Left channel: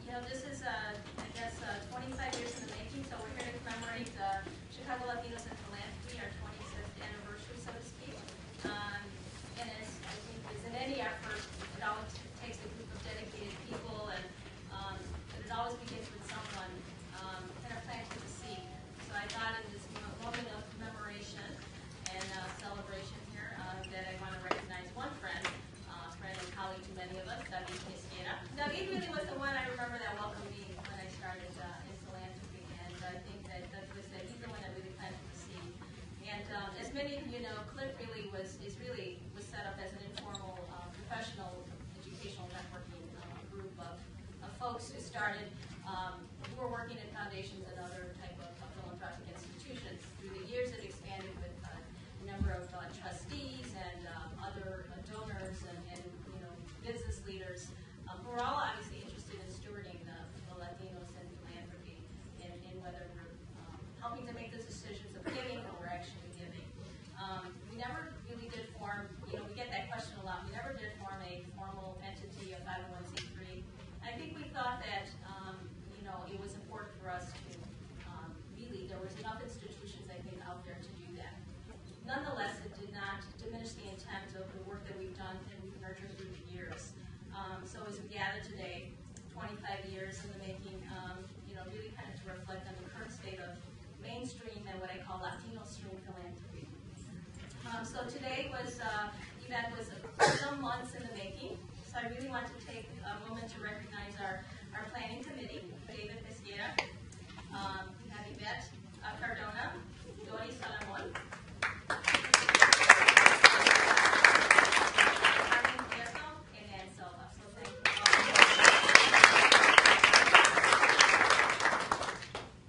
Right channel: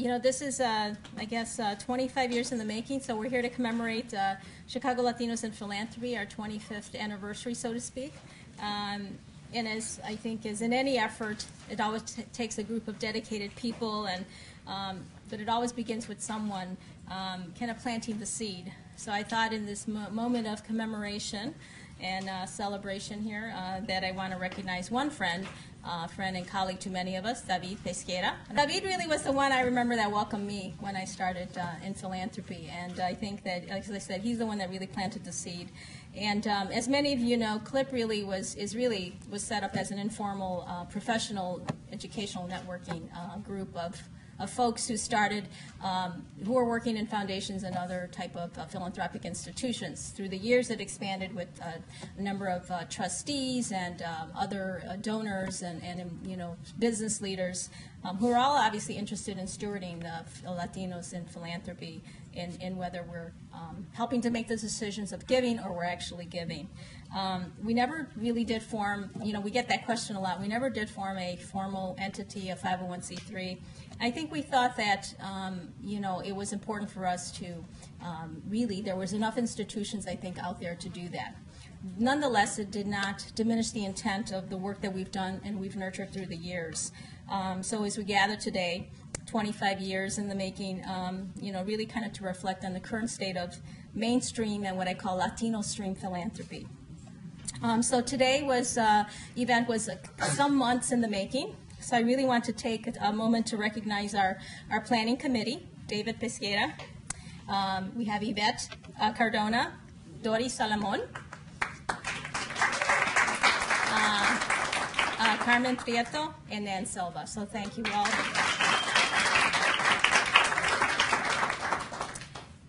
You know, this is, I guess, 25 years in the making, so we're here to commemorate Chicago Latinos in Philanthropy, our 25th anniversary, so to speak. And as I think as in any effort, it always takes a group of dedicated people, and but it always begins with someone kind of planting the seed. So I thought in this moment of commemoration and celebration here that I want to recognize one friend and colleague to many of us, David Pesquera. David really was the one I remember that welcomed me when I started in philanthropy, and I think that, like I said, he's the one that really planted the seed. And as many of you know, CLIP really was set up as an informal, professional, educational networking group of folks who started, who are working in foundations and other type of philanthropic institutions. Through the years, it expanded with a number of trustees and other donors and you know, business leaders who are all obviously interested in stewarding the Latinos in philanthropy, in whether we're helping to make the decisions of giving or we're actually giving. We never really did form, you know, we get that question a lot, we never did form a formal entity, a 501c3. I think we thought that, you know, it was important for us to really, there was enough institutions, I think, out there to do that. Nonetheless, it did not diminish the intent of the work that we've done and we've nurtured through the years. So as we gather today, 25 years in the making, you know, really kind of to reflect on the current state of mainstream and what I call Latino stream philanthropy. So today event was some months in the making. So I really want to take a moment to recognize our planning committee, David Pesquera. We have Yvette Cardona, Dori Salamon, Carmen Prieto, and Nan Silva. So thank you all.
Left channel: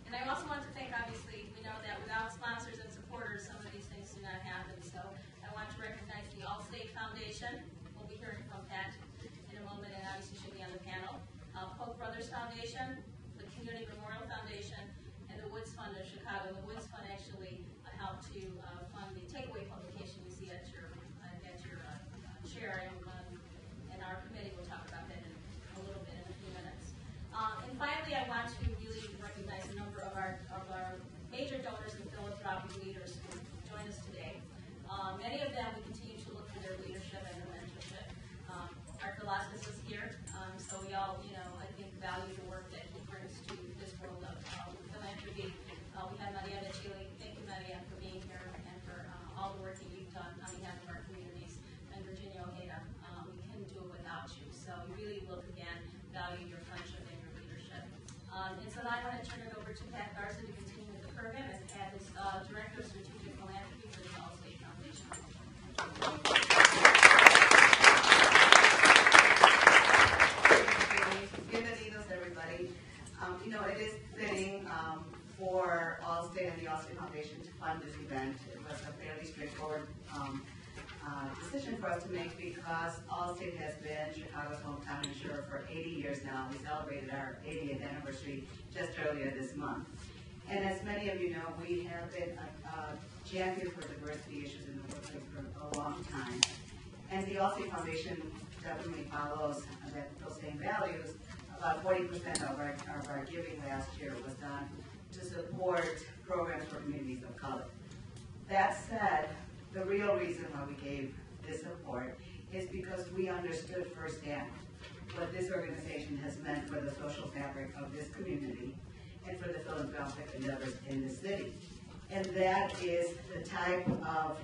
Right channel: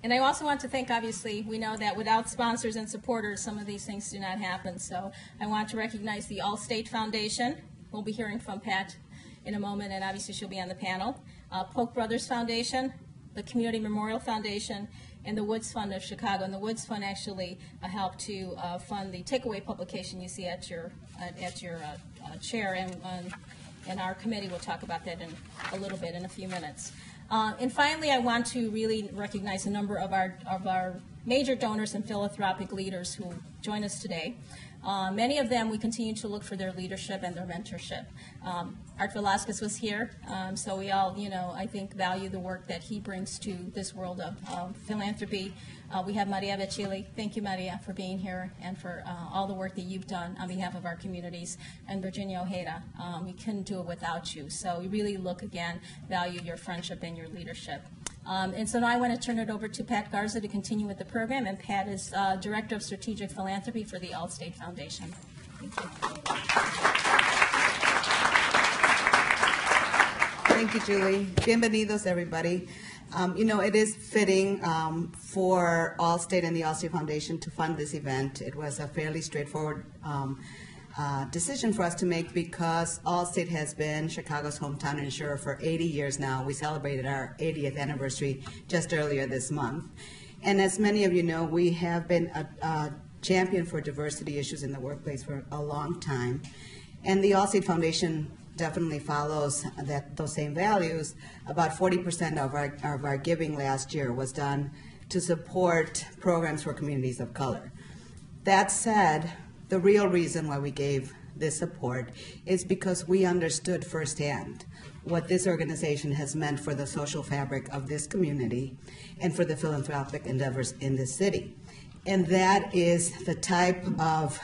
And I also want to thank, obviously, we know that without sponsors and supporters, some of these things do not happen. So I want to recognize the Allstate Foundation. We'll be hearing from Pat in a moment, and obviously she'll be on the panel. Polk Brothers Foundation, the Community Memorial Foundation, and the Woods Fund of Chicago. And the Woods Fund actually helped to fund the takeaway publication you see at your chair, and our committee will talk about that in a little bit, in a few minutes. And finally, I want to really recognize a number of our major donors and philanthropic leaders who join us today. Many of them, we continue to look for their leadership and their mentorship. Art Velasquez was here, so we all, you know, I think value the work that he brings to this world of philanthropy. We have Maria Vecchili. Thank you, Maria, for being here and for all the work that you've done on behalf of our communities. And Virginia Ojeda, we couldn't do it without you. So we really look, again, value your friendship and your leadership. And so now I want to turn it over to Pat Garza to continue with the program. And Pat is Director of Strategic Philanthropy for the Allstate Foundation. Thank you, Julie. Bienvenidos, everybody. You know, it is fitting for Allstate and the Allstate Foundation to fund this event. It was a fairly straightforward decision for us to make because Allstate has been Chicago's hometown insurer for 80 years now. We celebrated our 80th anniversary just earlier this month. And as many of you know, we have been a champion for diversity issues in the workplace for a long time. And the Allstate Foundation definitely follows those same values. About 40% of our giving last year was done to support programs for communities of color. That said, the real reason why we gave this support is because we understood firsthand what this organization has meant for the social fabric of this community and for the philanthropic endeavors in this city. And that is the type of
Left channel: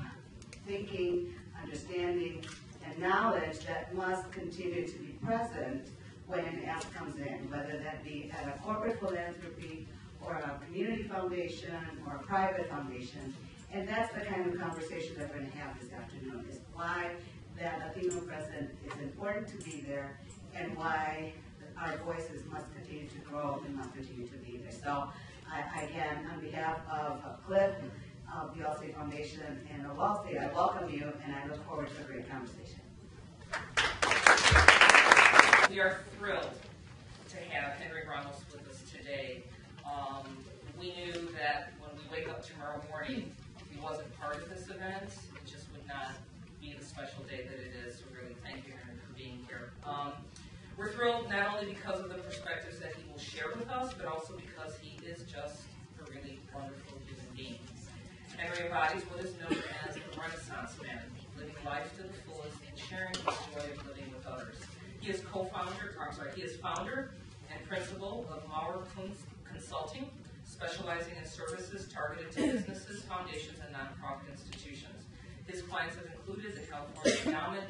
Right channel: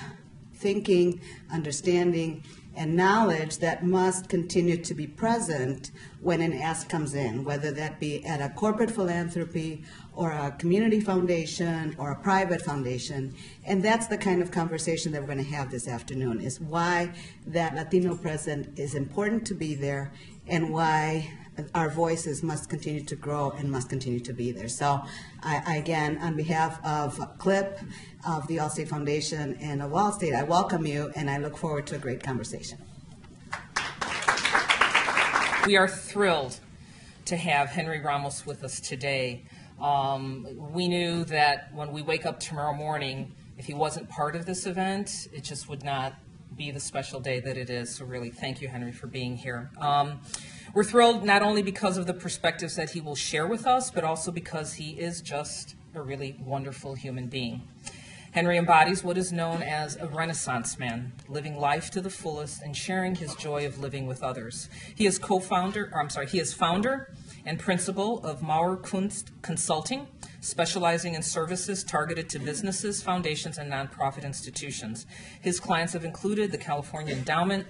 thinking, understanding, and knowledge that must continue to be present when an ask comes in, whether that be at a corporate philanthropy or a community foundation or a private foundation. And that's the kind of conversation that we're going to have this afternoon, is why that Latino presence is important to be there and why our voices must continue to grow and must continue to be there. So I again, on behalf of CLIP, of the Allstate Foundation, and of Allstate, I welcome you, and I look forward to a great conversation. We are thrilled to have Henry Ramos with us today. We knew that when we wake up tomorrow morning, if he wasn't part of this event, it just would not be the special day that it is. So really, thank you, Henry, for being here. We're thrilled not only because of the perspectives that he will share with us, but also because he is just a really wonderful human being. Henry embodies what is known as a Renaissance man, living life to the fullest and sharing his joy of living with others. He is founder and principal of Maurer Kunst Consulting, specializing in services targeted to businesses, foundations, and nonprofit institutions. His clients have included the California Endowment,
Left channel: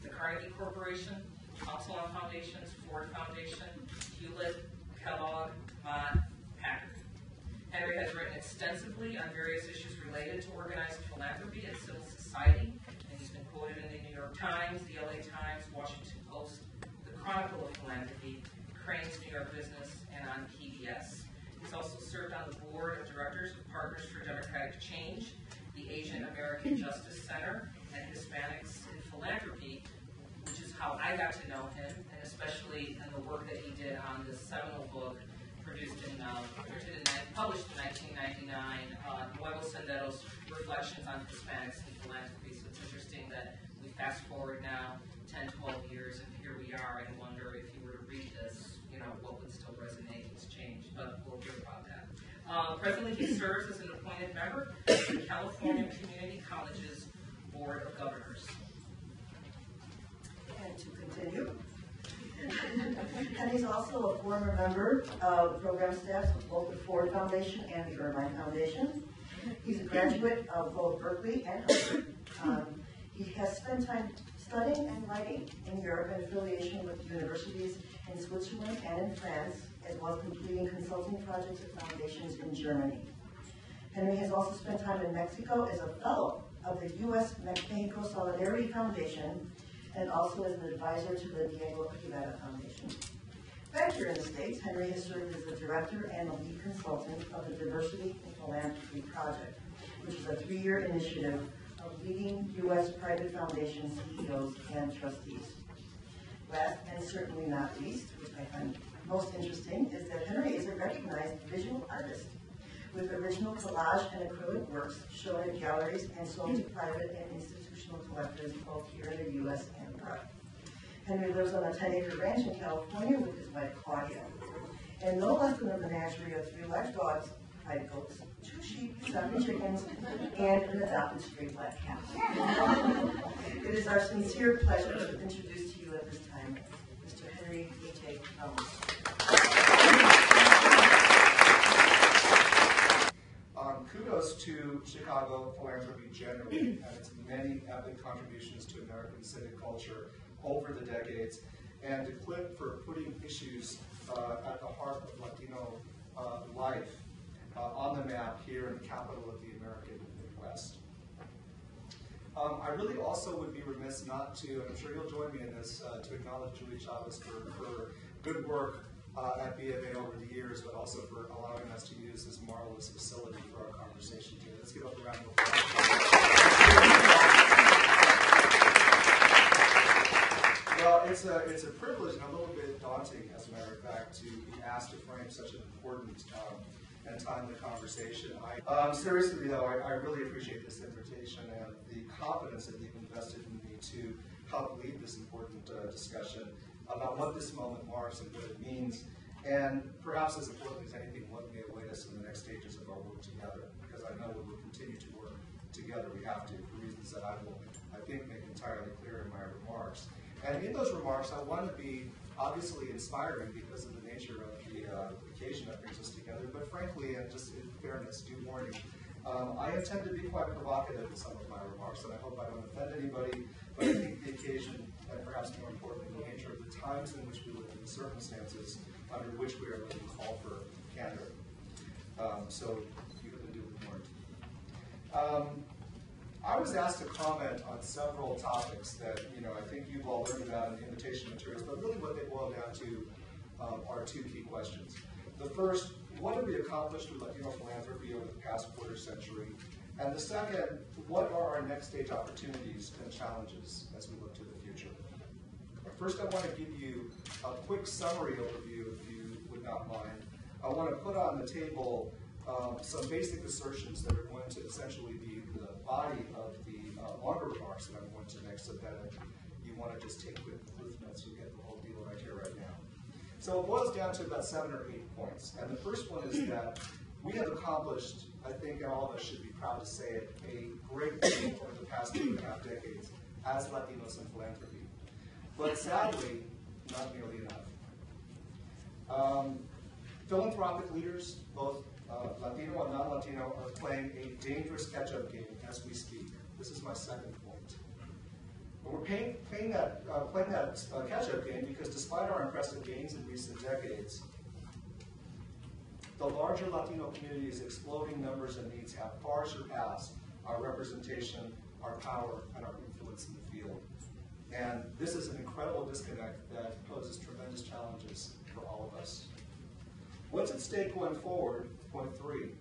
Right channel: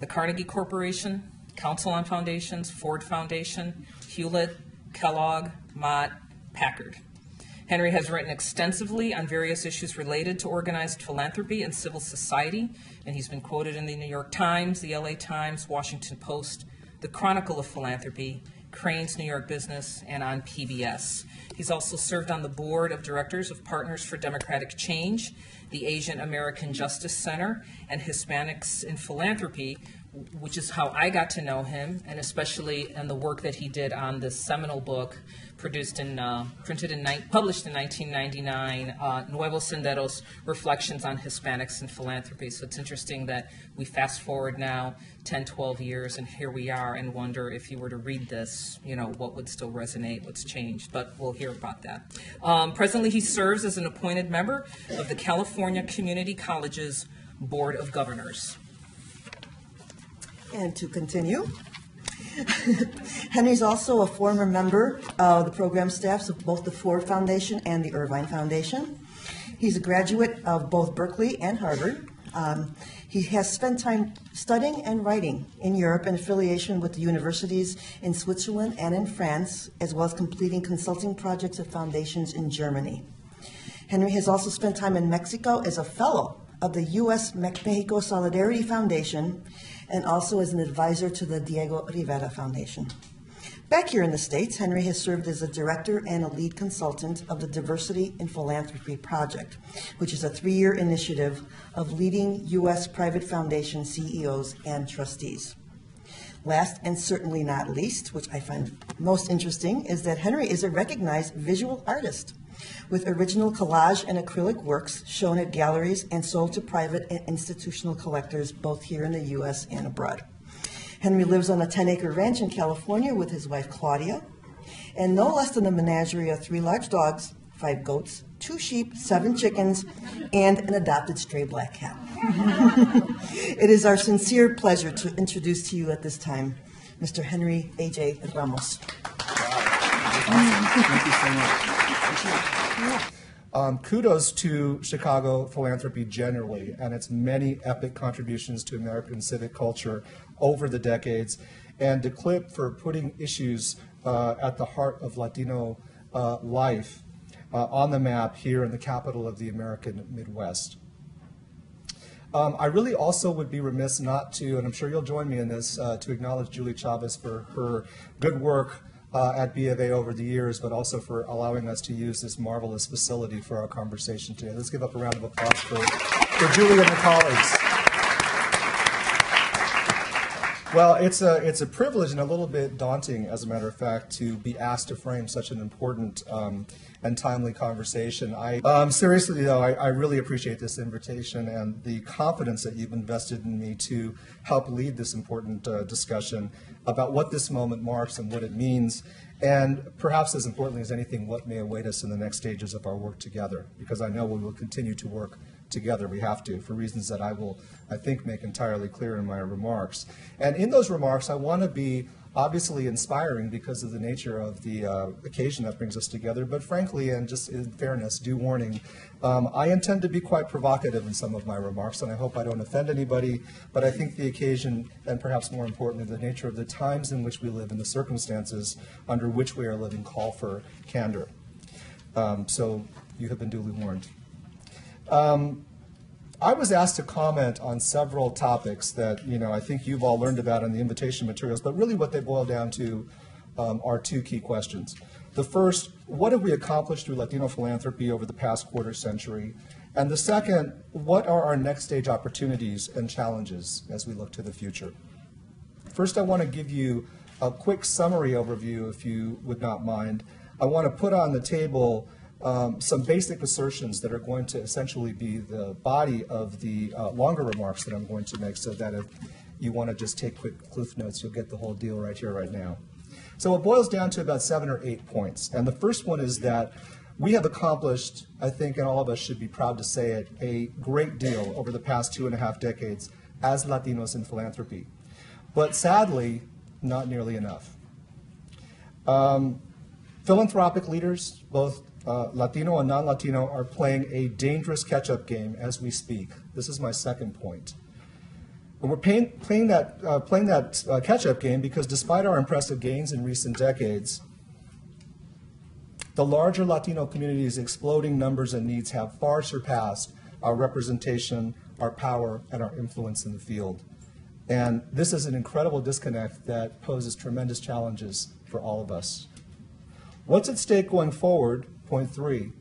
the Carnegie Corporation, Council on Foundations, Ford Foundation, Hewlett, Kellogg, Mott, Packard. Henry has written extensively on various issues related to organized philanthropy and civil society, and he's been quoted in the New York Times, the LA Times, Washington Post, the Chronicle of Philanthropy, Crain's New York Business, and on PBS. He's also served on the board of directors of Partners for Democratic Change, the Asian American Justice Center, and Hispanics in Philanthropy, which is how I got to know him, and especially in the work that he did on this seminal book published in 1999, Nuevos Senderos, Reflections on Hispanics in Philanthropy. So it's interesting that we fast forward now 10, 12 years, and here we are, and wonder if you were to read this, what would still resonate, what's changed, but we'll hear about that. Presently, he serves as an appointed member of the California Community College's Board of Governors. And to continue, Henry's also a former member of the program staffs of both the Ford Foundation and the Irvine Foundation. He's a graduate of both Berkeley and Harvard. He has spent time studying and writing in Europe in affiliation with the universities in Switzerland and in France, as well as completing consulting projects at foundations in Germany. Henry has also spent time in Mexico as a fellow of the U.S. Mexico Solidarity Foundation, and also as an advisor to the Diego Rivera Foundation. Back here in the States, Henry has served as a director and a lead consultant of the Diversity in Philanthropy Project, which is a 3-year initiative of leading U.S. private foundation CEOs and trustees. Last and certainly not least, which I find most interesting, is that Henry is a recognized visual artist with original collage and acrylic works shown at galleries and sold to private and institutional collectors both here in the U.S. and abroad. Henry lives on a 10-acre ranch in California with his wife Claudia, and no less than a menagerie of 3 large dogs, 5 goats, 2 sheep, 7 chickens, and an adopted stray black cat. It is our sincere pleasure to introduce to you at this time Mr. Henry A.J. Ramos. Thank you so much. Kudos to Chicago philanthropy generally and its many epic contributions to American civic culture over the decades, and to CLIP for putting issues at the heart of Latino life on the map here in the capital of the American Midwest. I really also would be remiss not to, and I'm sure you'll join me in this, to acknowledge Julie Chavez for her good work at B of A over the years, but also for allowing us to use this marvelous facility for our conversation today. Let's give up a round of applause for Julie and her colleagues. Well, it's a privilege and a little bit daunting, as a matter of fact, to be asked to frame such an important and timely conversation. Seriously, though, I really appreciate this invitation and the confidence that you've invested in me to help lead this important discussion about what this moment marks and what it means, and perhaps as importantly as anything, what may await us in the next stages of our work together, because I know we will continue to work together. We have to, for reasons that I will, I think, make entirely clear in my remarks. And in those remarks, I want to be obviously inspiring because of the nature of the occasion that brings us together, but frankly, and just in fairness, due warning, I intend to be quite provocative in some of my remarks, and I hope I don't offend anybody, but I think the occasion, and perhaps more importantly, the nature of the times in which we live and the circumstances under which we are living call for candor. So you have been duly warned. I was asked to comment on several topics that I think you've all learned about in the invitation materials, but really what they boil down to are 2 key questions. The first, what have we accomplished through Latino philanthropy over the past quarter century? And the second, what are our next stage opportunities and challenges as we look to the future? First, I want to give you a quick summary overview, if you would not mind. I want to put on the table some basic assertions that are going to essentially be the body of the longer remarks that I'm going to make, so that you want to just take quick cliff notes, you'll get the whole deal right here, right now. So it boils down to about 7 or 8 points. And the first one is that we have accomplished, I think, and all of us should be proud to say it, a great deal over the past 2.5 decades as Latinos in philanthropy. But sadly, not nearly enough. Philanthropic leaders, both Latino and non-Latino, are playing a dangerous catch-up game as we speak. This is my second point. And we're playing that catch-up game because despite our impressive gains in recent decades, the larger Latino community's exploding numbers and needs have far surpassed our representation, our power, and our influence in the field. And this is an incredible disconnect that poses tremendous challenges for all of us. What's at stake going forward, point 3,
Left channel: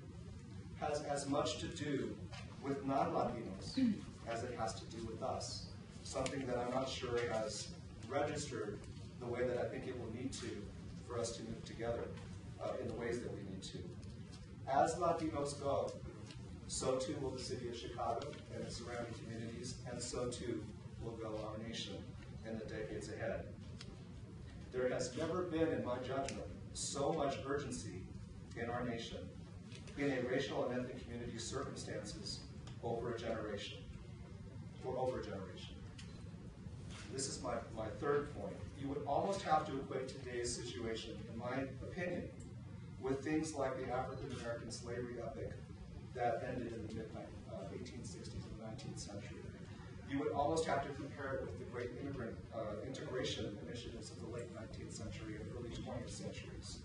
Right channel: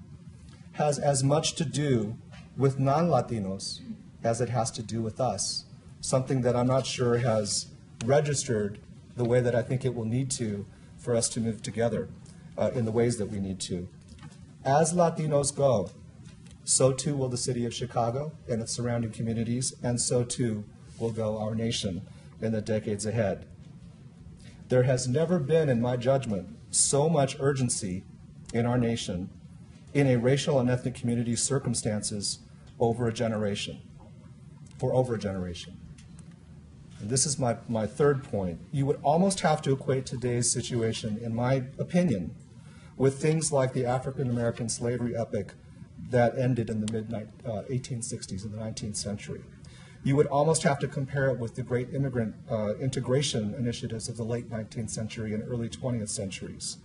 has as much to do with non-Latinos as it has to do with us, something that I'm not sure has registered the way that I think it will need to for us to move together in the ways that we need to. As Latinos go, so too will the city of Chicago and its surrounding communities, and so too will go our nation in the decades ahead. There has never been, in my judgment, so much urgency in our nation in a racial and ethnic community circumstances over a generation, for over a generation. And this is my third point. You would almost have to equate today's situation, in my opinion, with things like the African-American slavery epic that ended in the mid-1860s, in the 19th century. You would almost have to compare it with the great immigrant integration initiatives of the late 19th century and early 20th centuries.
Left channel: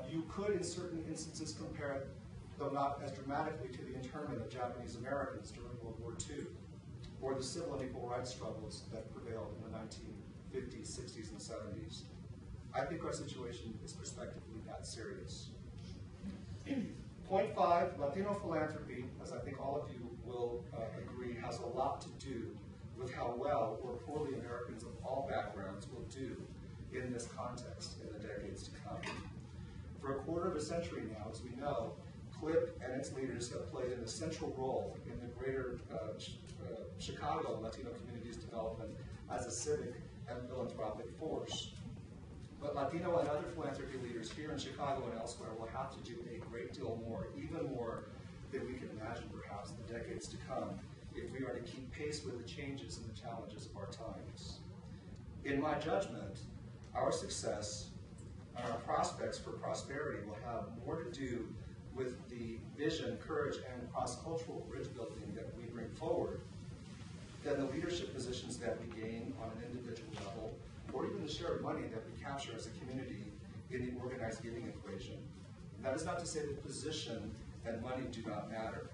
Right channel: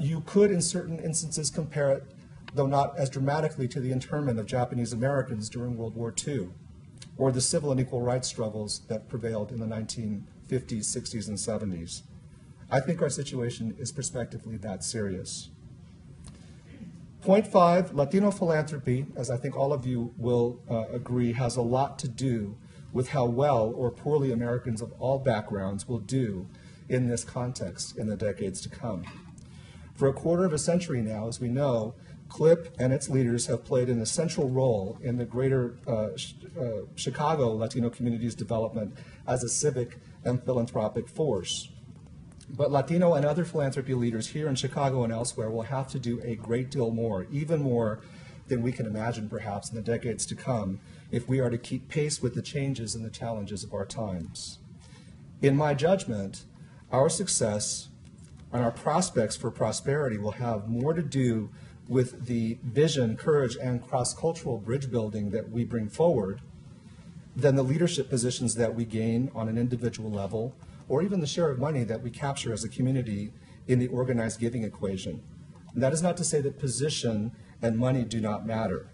You could, in certain instances, compare it, though not as dramatically, to the internment of Japanese Americans during World War II, or the civil and equal rights struggles that prevailed in the 1950s, 60s, and 70s. I think our situation is prospectively that serious. Point 5, Latino philanthropy, as I think all of you will agree, has a lot to do with how well or poorly Americans of all backgrounds will do in this context in the decades to come. For a quarter of a century now, as we know, CLIP and its leaders have played an essential role in the greater Chicago Latino community's development as a civic and philanthropic force. But Latino and other philanthropy leaders here in Chicago and elsewhere will have to do a great deal more, even more than we can imagine perhaps in the decades to come, if we are to keep pace with the changes and the challenges of our times. In my judgment, our success and our prospects for prosperity will have more to do with the vision, courage, and cross-cultural bridge building that we bring forward than the leadership positions that we gain on an individual level, or even the share of money that we capture as a community in the organized giving equation. And that is not to say that position and money do not matter,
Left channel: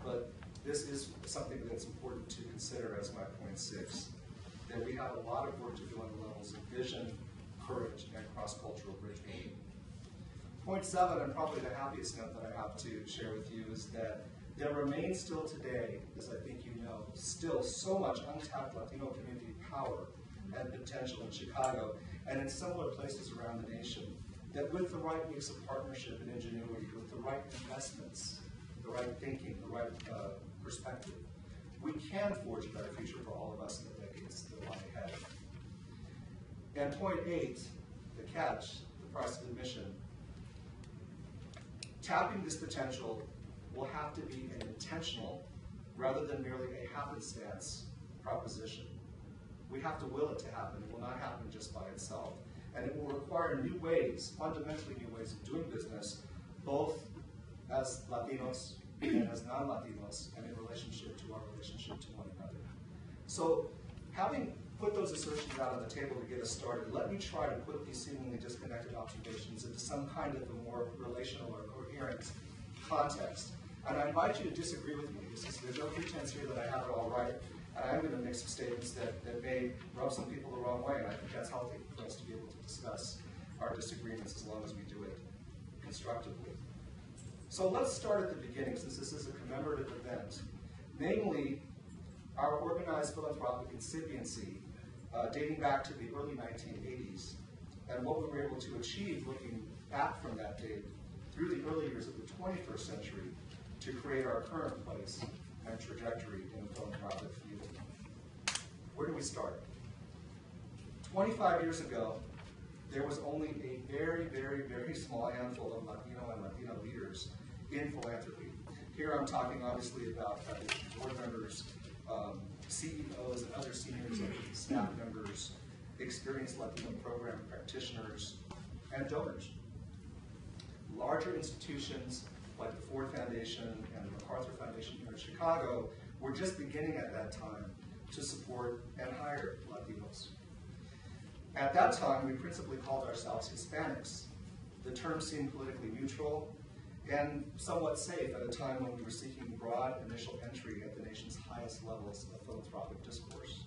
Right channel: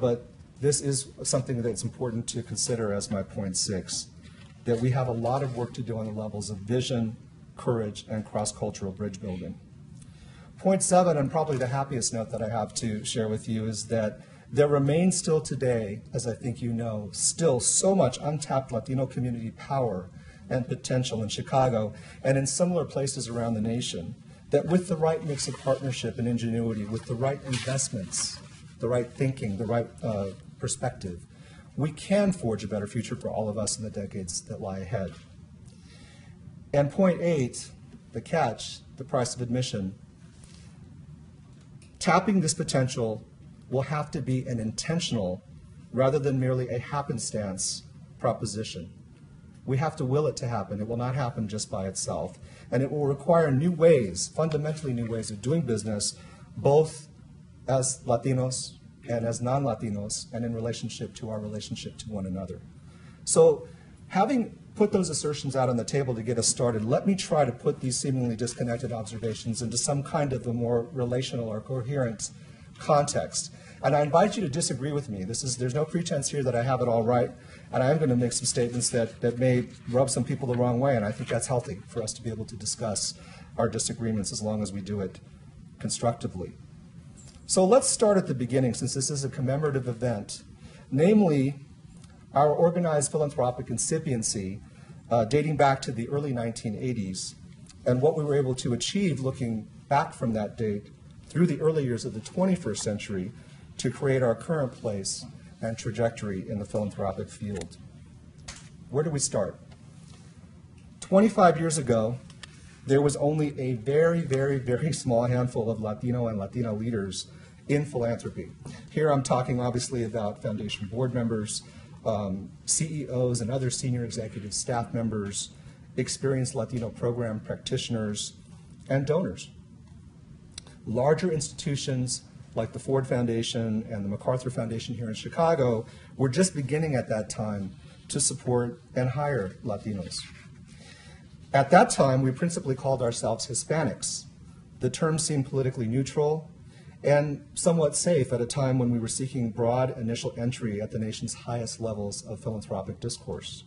but this is something that's important to consider as my point 6, that we have a lot of work to do on the levels of vision, courage, and cross-cultural bridge building. Point 7, and probably the happiest note that I have to share with you, is that there remains still today, as I think you know, still so much untapped Latino community power and potential in Chicago and in similar places around the nation, that with the right mix of partnership and ingenuity, with the right investments, the right thinking, the right perspective, we can forge a better future for all of us in the decades that lie ahead. And point 8, the catch, the price of admission. Tapping this potential will have to be an intentional rather than merely a happenstance proposition. We have to will it to happen. It will not happen just by itself. And it will require new ways, fundamentally new ways of doing business, both as Latinos and as non-Latinos, and in relationship to our relationship to one another. So having put those assertions out on the table to get us started, let me try to put these seemingly disconnected observations into some kind of a more relational or coherent context. And I invite you to disagree with me. There's no pretense here that I have it all right. And I'm going to make some statements that may rub some people the wrong way, and I think that's healthy for us to be able to discuss our disagreements as long as we do it constructively. So let's start at the beginning, since this is a commemorative event, namely our organized philanthropic incipiency dating back to the early 1980s, and what we were able to achieve looking back from that date through the early years of the 21st century to create our current place and trajectory in the philanthropic field. Where do we start? 25 years ago, there was only a very, very, very small handful of Latino and Latina leaders in philanthropy. Here I'm talking obviously about foundation board members, CEOs and other senior executive staff members, experienced Latino program practitioners, and donors. Larger institutions like the Ford Foundation and the MacArthur Foundation here in Chicago were just beginning at that time to support and hire Latinos. At that time, we principally called ourselves Hispanics. The term seemed politically neutral and somewhat safe at a time when we were seeking broad initial entry at the nation's highest levels of philanthropic discourse.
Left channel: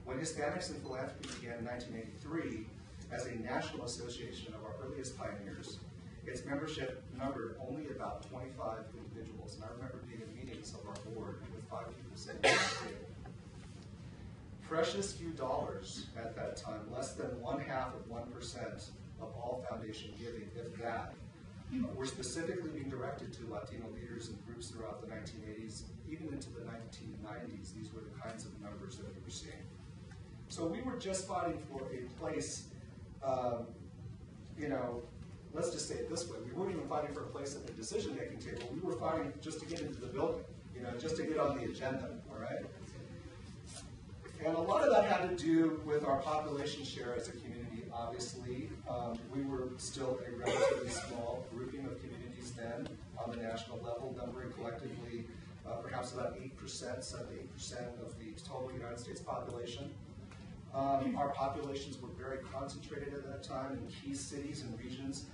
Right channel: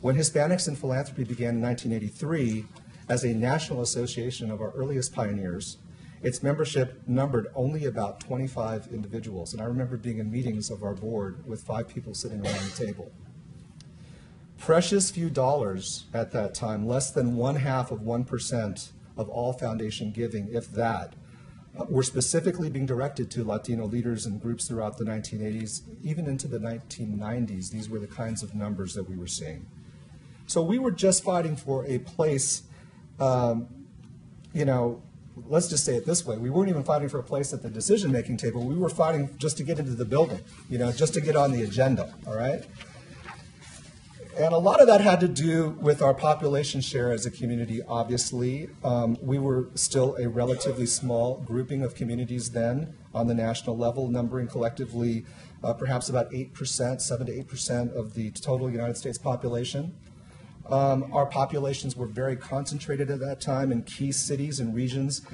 When Hispanics in Philanthropy began in 1983 as a national association of our earliest pioneers, its membership numbered only about 25 individuals. And I remember being in meetings of our board with 5 people sitting around the table. Precious few dollars at that time, less than 1/2% of all foundation giving, if that, were specifically being directed to Latino leaders and groups throughout the 1980s, even into the 1990s. These were the kinds of numbers that we were seeing. So we were just fighting for a place, let's just say it this way. We weren't even fighting for a place at the decision-making table. We were fighting just to get into the building, just to get on the agenda, all right? And a lot of that had to do with our population share as a community, obviously. We were still a relatively small grouping of communities then on the national level, numbering collectively perhaps about 8%, 7 to 8% of the total United States population. Our populations were very concentrated at that time in key cities and regions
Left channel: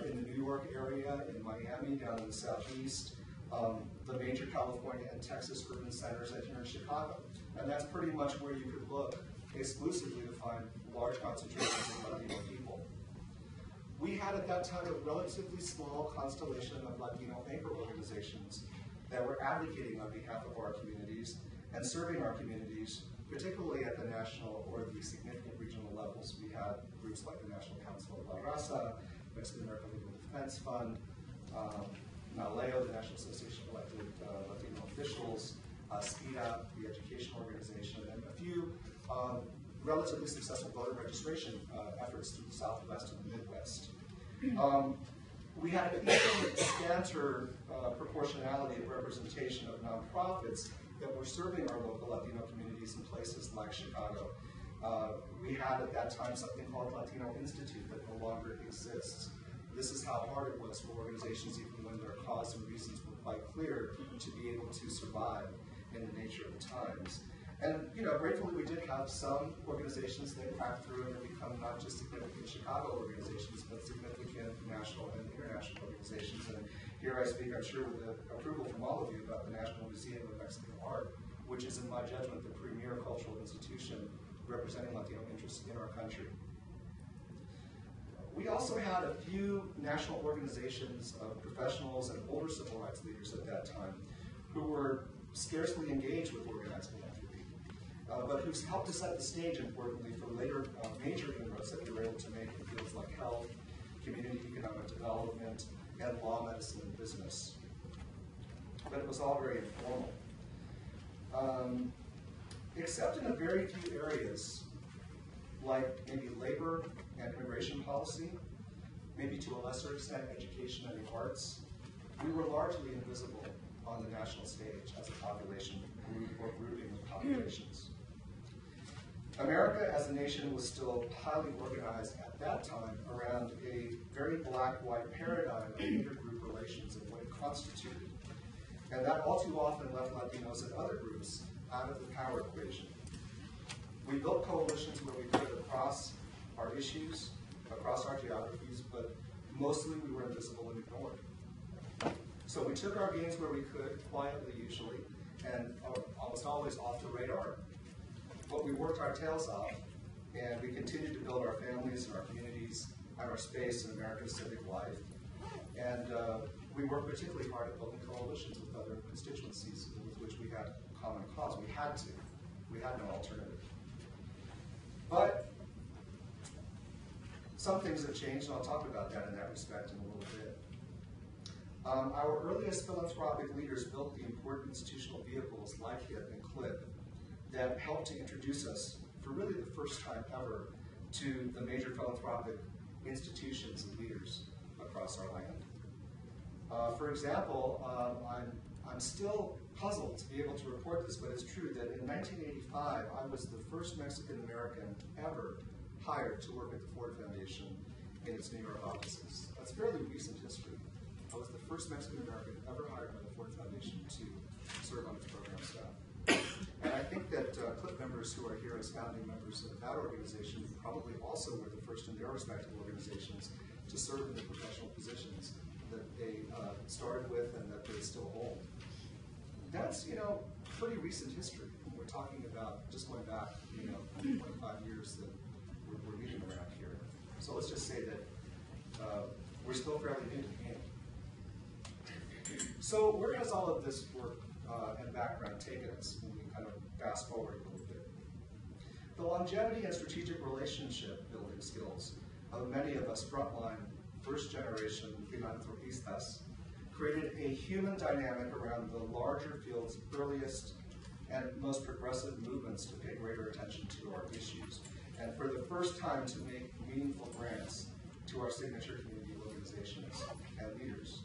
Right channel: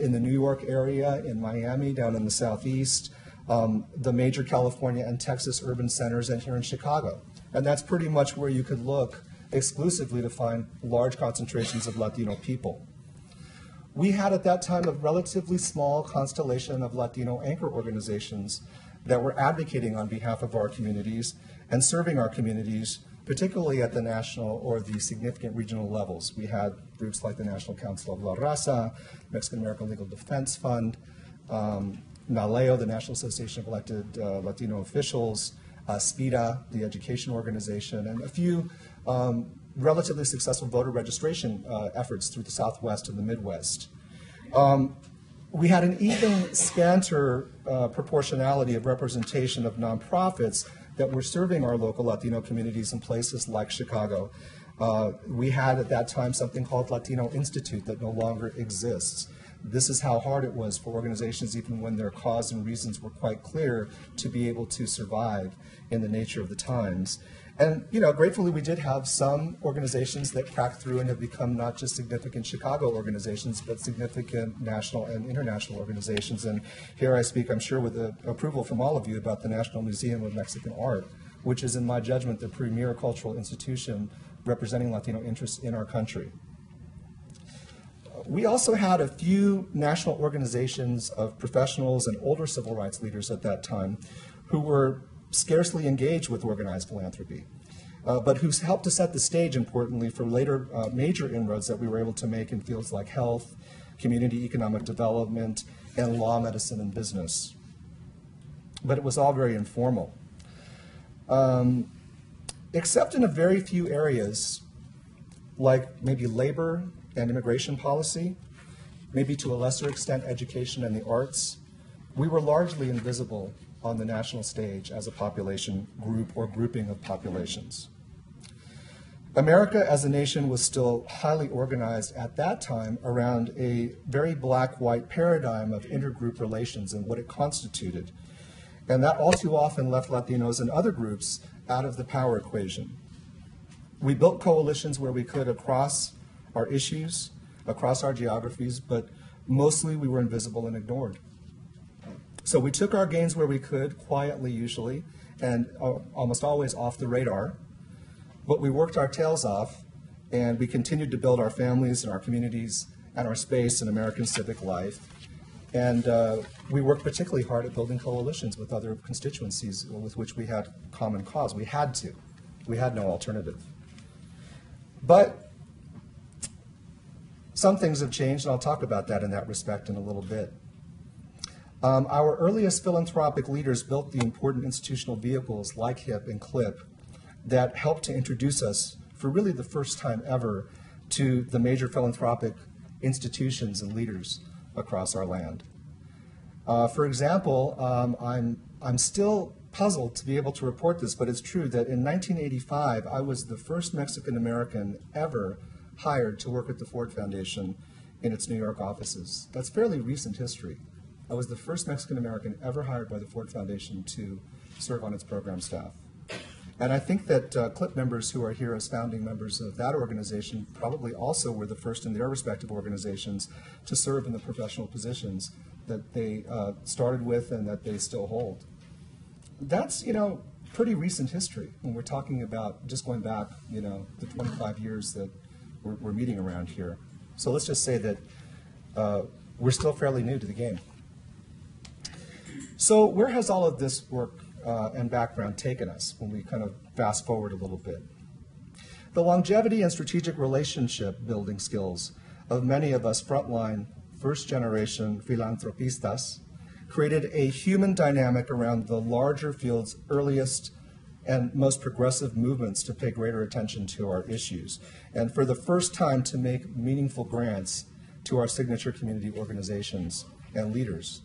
in the New York area, in Miami, down in the southeast, the major California and Texas urban centers, and here in Chicago. And that's pretty much where you could look exclusively to find large concentrations of Latino people. We had at that time a relatively small constellation of Latino anchor organizations that were advocating on behalf of our communities and serving our communities, particularly at the national or the significant regional levels. We had groups like the National Council of La Raza, Mexican American Legal Defense Fund, NALEO, the National Association of Elected Latino Officials, SPIDA, the education organization, and a few relatively successful voter registration efforts through the Southwest and the Midwest. We had an even scanter proportionality of representation of nonprofits that were serving our local Latino communities in places like Chicago. We had at that time something called Latino Institute that no longer exists. This is how hard it was for organizations, even when their cause and reasons were quite clear, to be able to survive in the nature of the times. And gratefully we did have some organizations that cracked through and have become not just significant Chicago organizations, but significant national and international organizations. And here I speak, I'm sure, with the approval from all of you about the National Museum of Mexican Art, which is, in my judgment, the premier cultural institution representing Latino interests in our country. We also had a few national organizations of professionals and older civil rights leaders at that time who were scarcely engaged with organized philanthropy, but who helped to set the stage, importantly, for later major inroads that we were able to make in fields like health, community economic development, and law, medicine, and business. But it was all very informal. Except in a very few areas, like maybe labor and immigration policy, maybe to a lesser extent education and the arts, we were largely invisible on the national stage as a population group or grouping of populations. America as a nation was still highly organized at that time around a very black-white paradigm of intergroup relations and what it constituted. And that all too often left Latinos and other groups out of the power equation. We built coalitions where we could across our issues, across our geographies, but mostly we were invisible and ignored. So we took our gains where we could, quietly usually, and almost always off the radar, but we worked our tails off, and we continued to build our families and our communities and our space in American civic life. And we worked particularly hard at building coalitions with other constituencies with which we had common cause. We had to. We had no alternative. But some things have changed, and I'll talk about that in that respect in a little bit. Our earliest philanthropic leaders built the important institutional vehicles like HIP and CLIP that helped to introduce us, for really the first time ever, to the major philanthropic institutions and leaders across our land. For example, I'm still puzzled to be able to report this, but it's true that in 1985, I was the first Mexican American ever hired to work at the Ford Foundation in its New York offices. That's fairly recent history. I was the first Mexican American ever hired by the Ford Foundation to serve on its program staff. And I think that CLIP members who are here as founding members of that organization probably also were the first in their respective organizations to serve in the professional positions that they started with and that they still hold. That's, pretty recent history when we're talking about just going back, the 25 years that we're meeting around here. So let's just say that we're still fairly new to the game. So where has all of this work and background taken us when we kind of fast forward a little bit? The longevity and strategic relationship building skills of many of us frontline first-generation philanthropistas created a human dynamic around the larger field's earliest and most progressive movements to pay greater attention to our issues, and for the first time to make meaningful grants to our signature community organizations and leaders.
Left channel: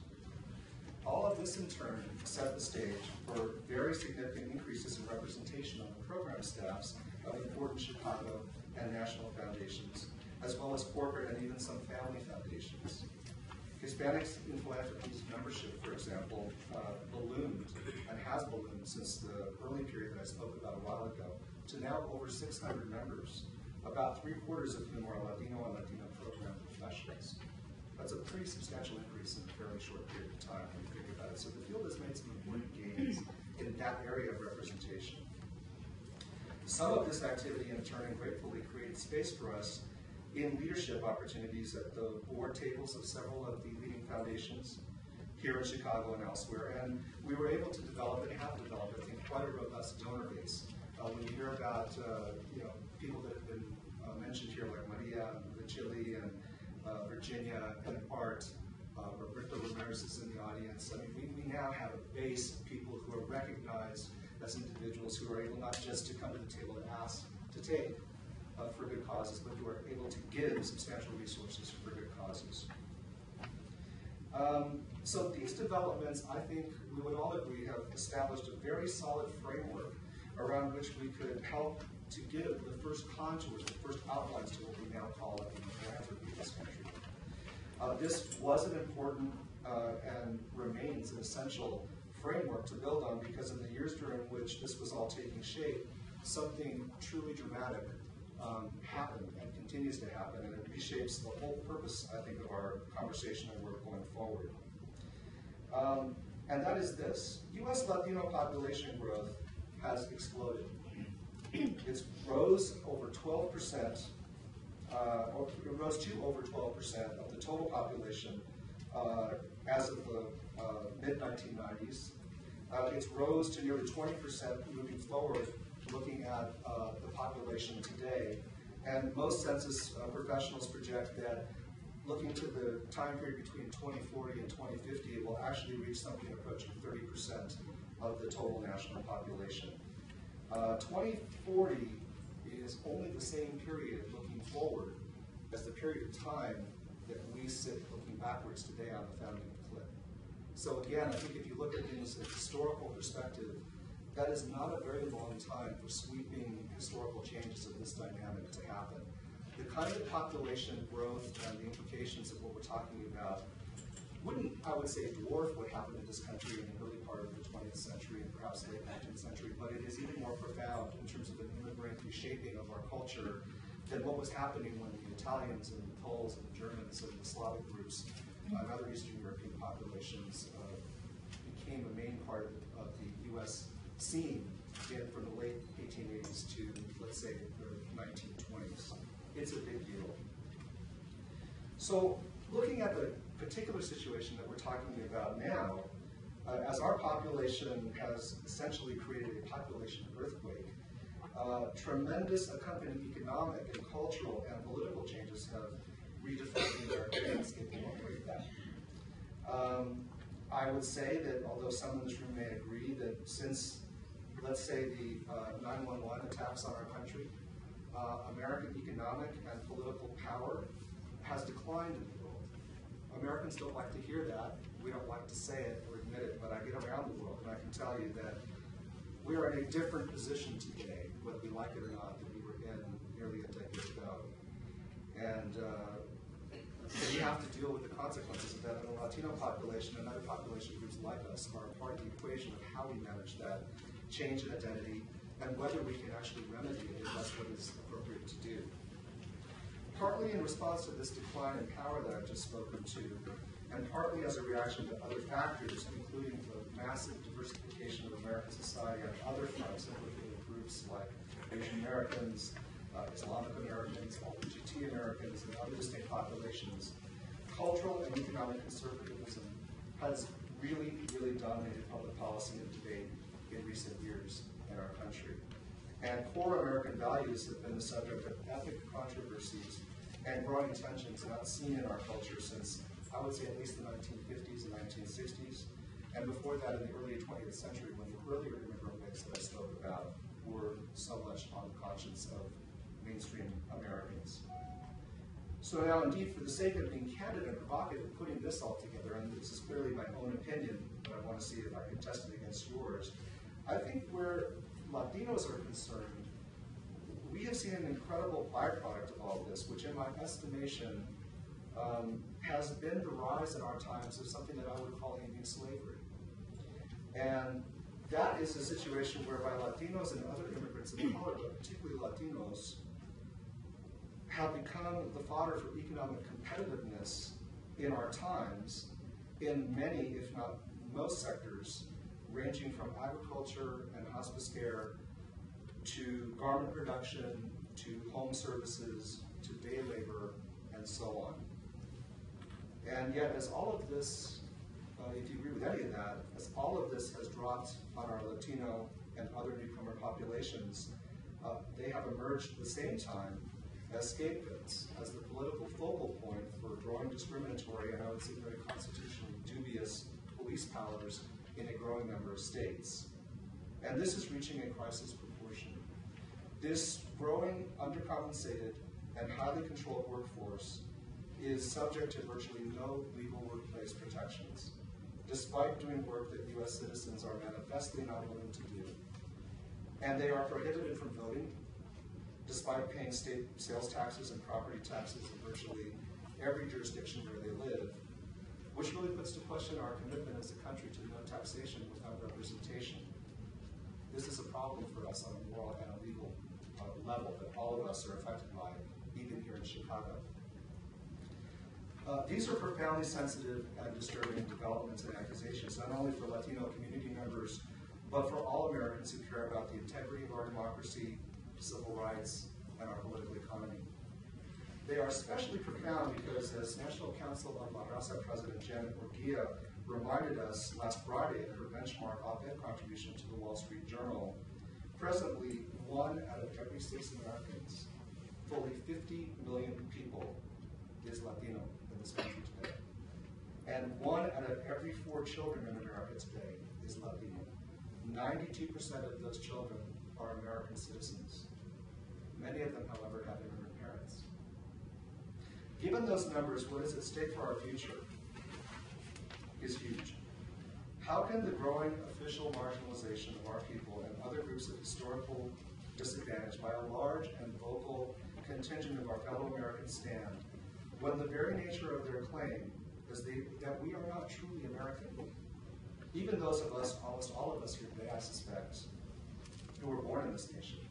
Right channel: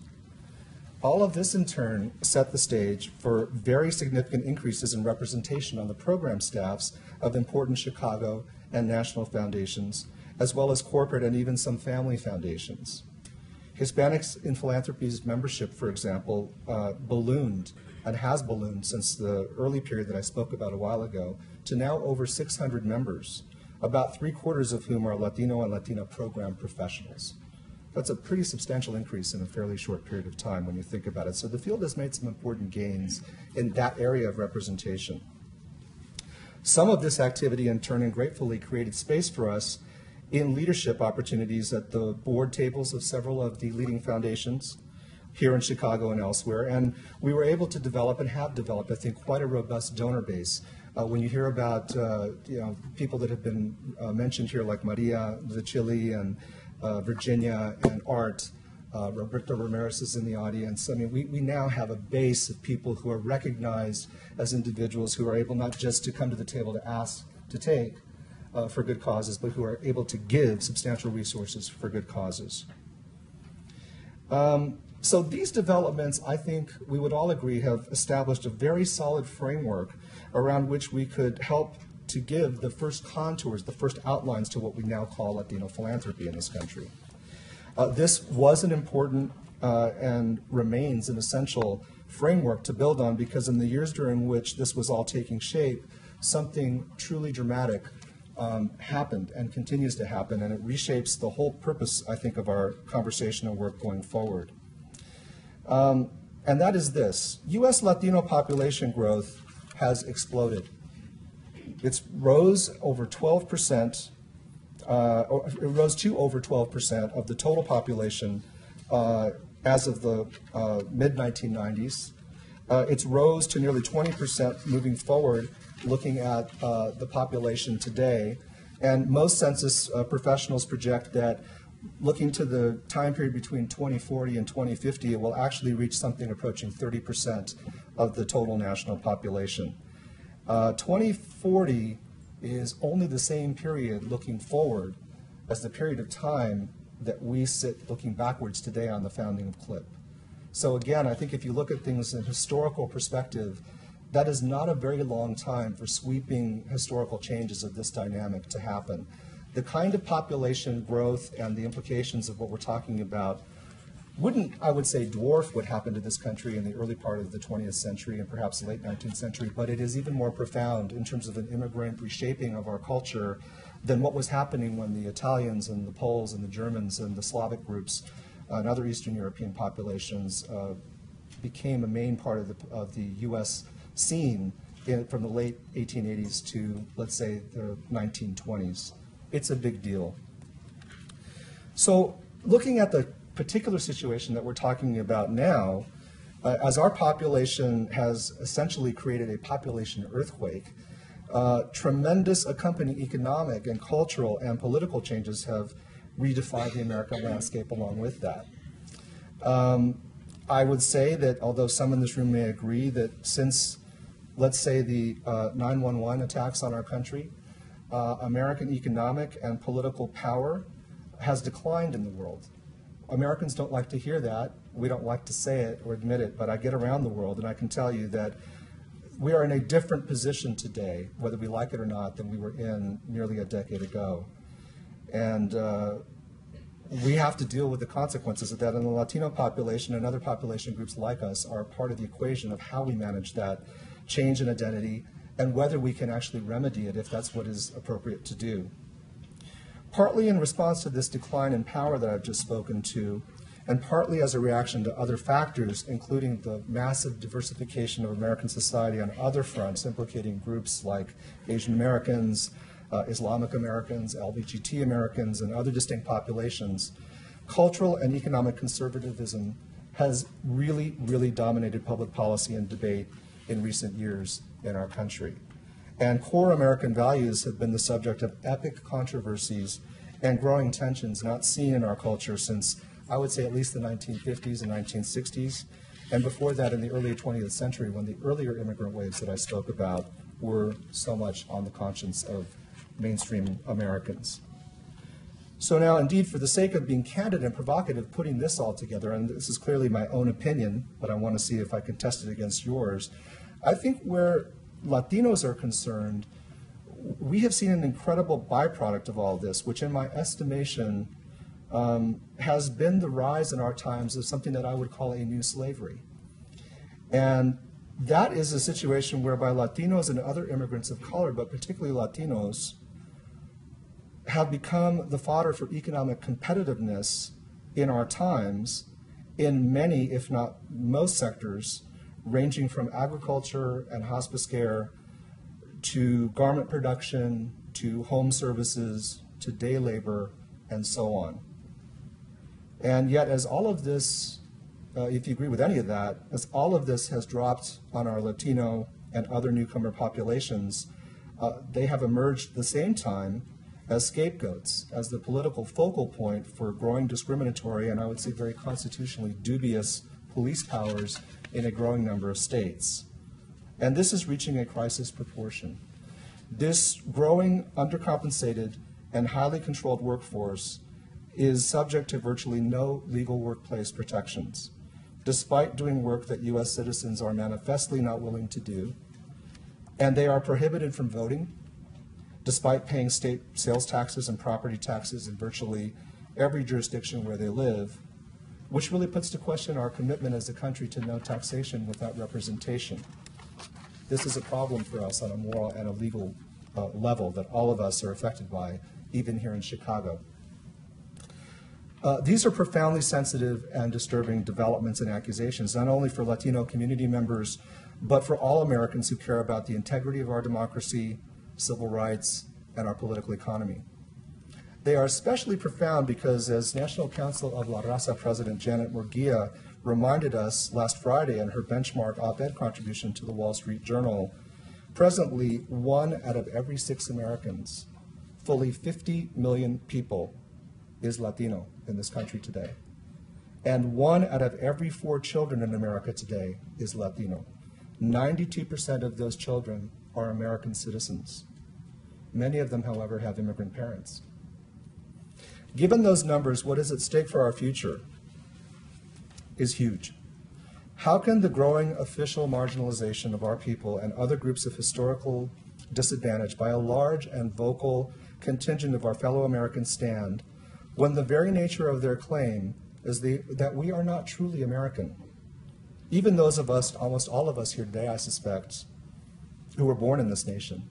All of this in turn set the stage for very significant increases in representation on the program staffs of important Chicago and national foundations, as well as corporate and even some family foundations. Hispanics in Philanthropy's membership, for example, ballooned and has ballooned since the early period that I spoke about a while ago to now over 600 members, about 3/4 of whom are Latino and Latina program professionals. That's a pretty substantial increase in a fairly short period of time when you think about it. So the field has made some important gains in that area of representation. Some of this activity in turn and gratefully created space for us in leadership opportunities at the board tables of several of the leading foundations here in Chicago and elsewhere. And we were able to develop and have developed, I think, quite a robust donor base. When you hear about people that have been mentioned here like Maria Chile and Virginia and Art, Roberto Ramirez is in the audience. I mean, we now have a base of people who are recognized as individuals who are able not just to come to the table to ask to take for good causes, but who are able to give substantial resources for good causes. So these developments, I think we would all agree, have established a very solid framework around which we could help to give the first contours, the first outlines to what we now call Latino philanthropy in this country. This was an important and remains an essential framework to build on, because in the years during which this was all taking shape, something truly dramatic happened and continues to happen, and it reshapes the whole purpose, I think, of our conversation and work going forward. And that is this: U.S. Latino population growth has exploded. It rose over 12%, it rose to over 12% of the total population as of the mid-1990s. It's rose to nearly 20% moving forward, looking at the population today. And most census professionals project that looking to the time period between 2040 and 2050, it will actually reach something approaching 30% of the total national population. 2040 is only the same period looking forward as the period of time that we sit looking backwards today on the founding of CLIP. So again, I think if you look at things in a historical perspective, that is not a very long time for sweeping historical changes of this dynamic to happen. The kind of population growth and the implications of what we're talking about wouldn't, I would say, dwarf what happened to this country in the early part of the 20th century and perhaps late 19th century, but it is even more profound in terms of an immigrant reshaping of our culture than what was happening when the Italians and the Poles and the Germans and the Slavic groups and other Eastern European populations became a main part of the U.S. scene from the late 1880s to, let's say, the 1920s. It's a big deal. So looking at the particular situation that we're talking about now, as our population has essentially created a population earthquake, tremendous accompanying economic and cultural and political changes have redefined the American landscape along with that. I would say that although some in this room may agree that since let's say the 9/11 attacks on our country, American economic and political power has declined in the world. Americans don't like to hear that. We don't like to say it or admit it, but I get around the world and I can tell you that we are in a different position today, whether we like it or not, than we were in nearly a decade ago. And we have to deal with the consequences of that, and the Latino population and other population groups like us are part of the equation of how we manage that change in identity and whether we can actually remedy it if that's what is appropriate to do. Partly in response to this decline in power that I've just spoken to, and partly as a reaction to other factors, including the massive diversification of American society on other fronts, implicating groups like Asian Americans, Islamic Americans, LGBTQ Americans, and other distinct populations, cultural and economic conservatism has really, really dominated public policy and debate in recent years in our country. And core American values have been the subject of epic controversies and growing tensions not seen in our culture since, I would say, at least the 1950s and 1960s, and before that in the early 20th century when the earlier immigrant waves that I spoke about were so much on the conscience of mainstream Americans. So now, indeed, for the sake of being candid and provocative, putting this all together, and this is clearly my own opinion, but I want to see if I could test it against yours, I think where Latinos are concerned, we have seen an incredible byproduct of all this, which in my estimation has been the rise in our times of something that I would call a new slavery. And that is a situation whereby Latinos and other immigrants of color, but particularly Latinos, have become the fodder for economic competitiveness in our times in many, if not most sectors, ranging from agriculture and hospice care to garment production, to home services, to day labor, and so on. And yet, as all of this, if you agree with any of that, as all of this has dropped on our Latino and other newcomer populations, they have emerged at the same time as scapegoats, as the political focal point for growing discriminatory and I would say very constitutionally dubious police powers in a growing number of states. And this is reaching a crisis proportion. This growing undercompensated and highly controlled workforce is subject to virtually no legal workplace protections, despite doing work that U.S. citizens are manifestly not willing to do. And they are prohibited from voting, despite paying state sales taxes and property taxes in virtually every jurisdiction where they live, which really puts to question our commitment as a country to no taxation without representation. This is a problem for us on a moral and a legal level that all of us are affected by, even here in Chicago. These are profoundly sensitive and disturbing developments and accusations, not only for Latino community members, but for all Americans who care about the integrity of our democracy, civil rights, and our political economy. They are especially profound because, as National Council of La Raza President Janet Murguia reminded us last Friday in her benchmark op-ed contribution to the Wall Street Journal, presently 1 out of every 6 Americans, fully 50 million people, is Latino in this country today. And 1 out of every 4 children in America today is Latino. 92% of those children are American citizens. Many of them, however, have immigrant parents. Given those numbers, what is at stake for our future is huge. How can the growing official marginalization of our people and other groups of historical disadvantage by a large and vocal contingent of our fellow Americans stand when the very nature of their claim is that we are not truly American? Even those of us, almost all of us here today, I suspect, who were born in this nation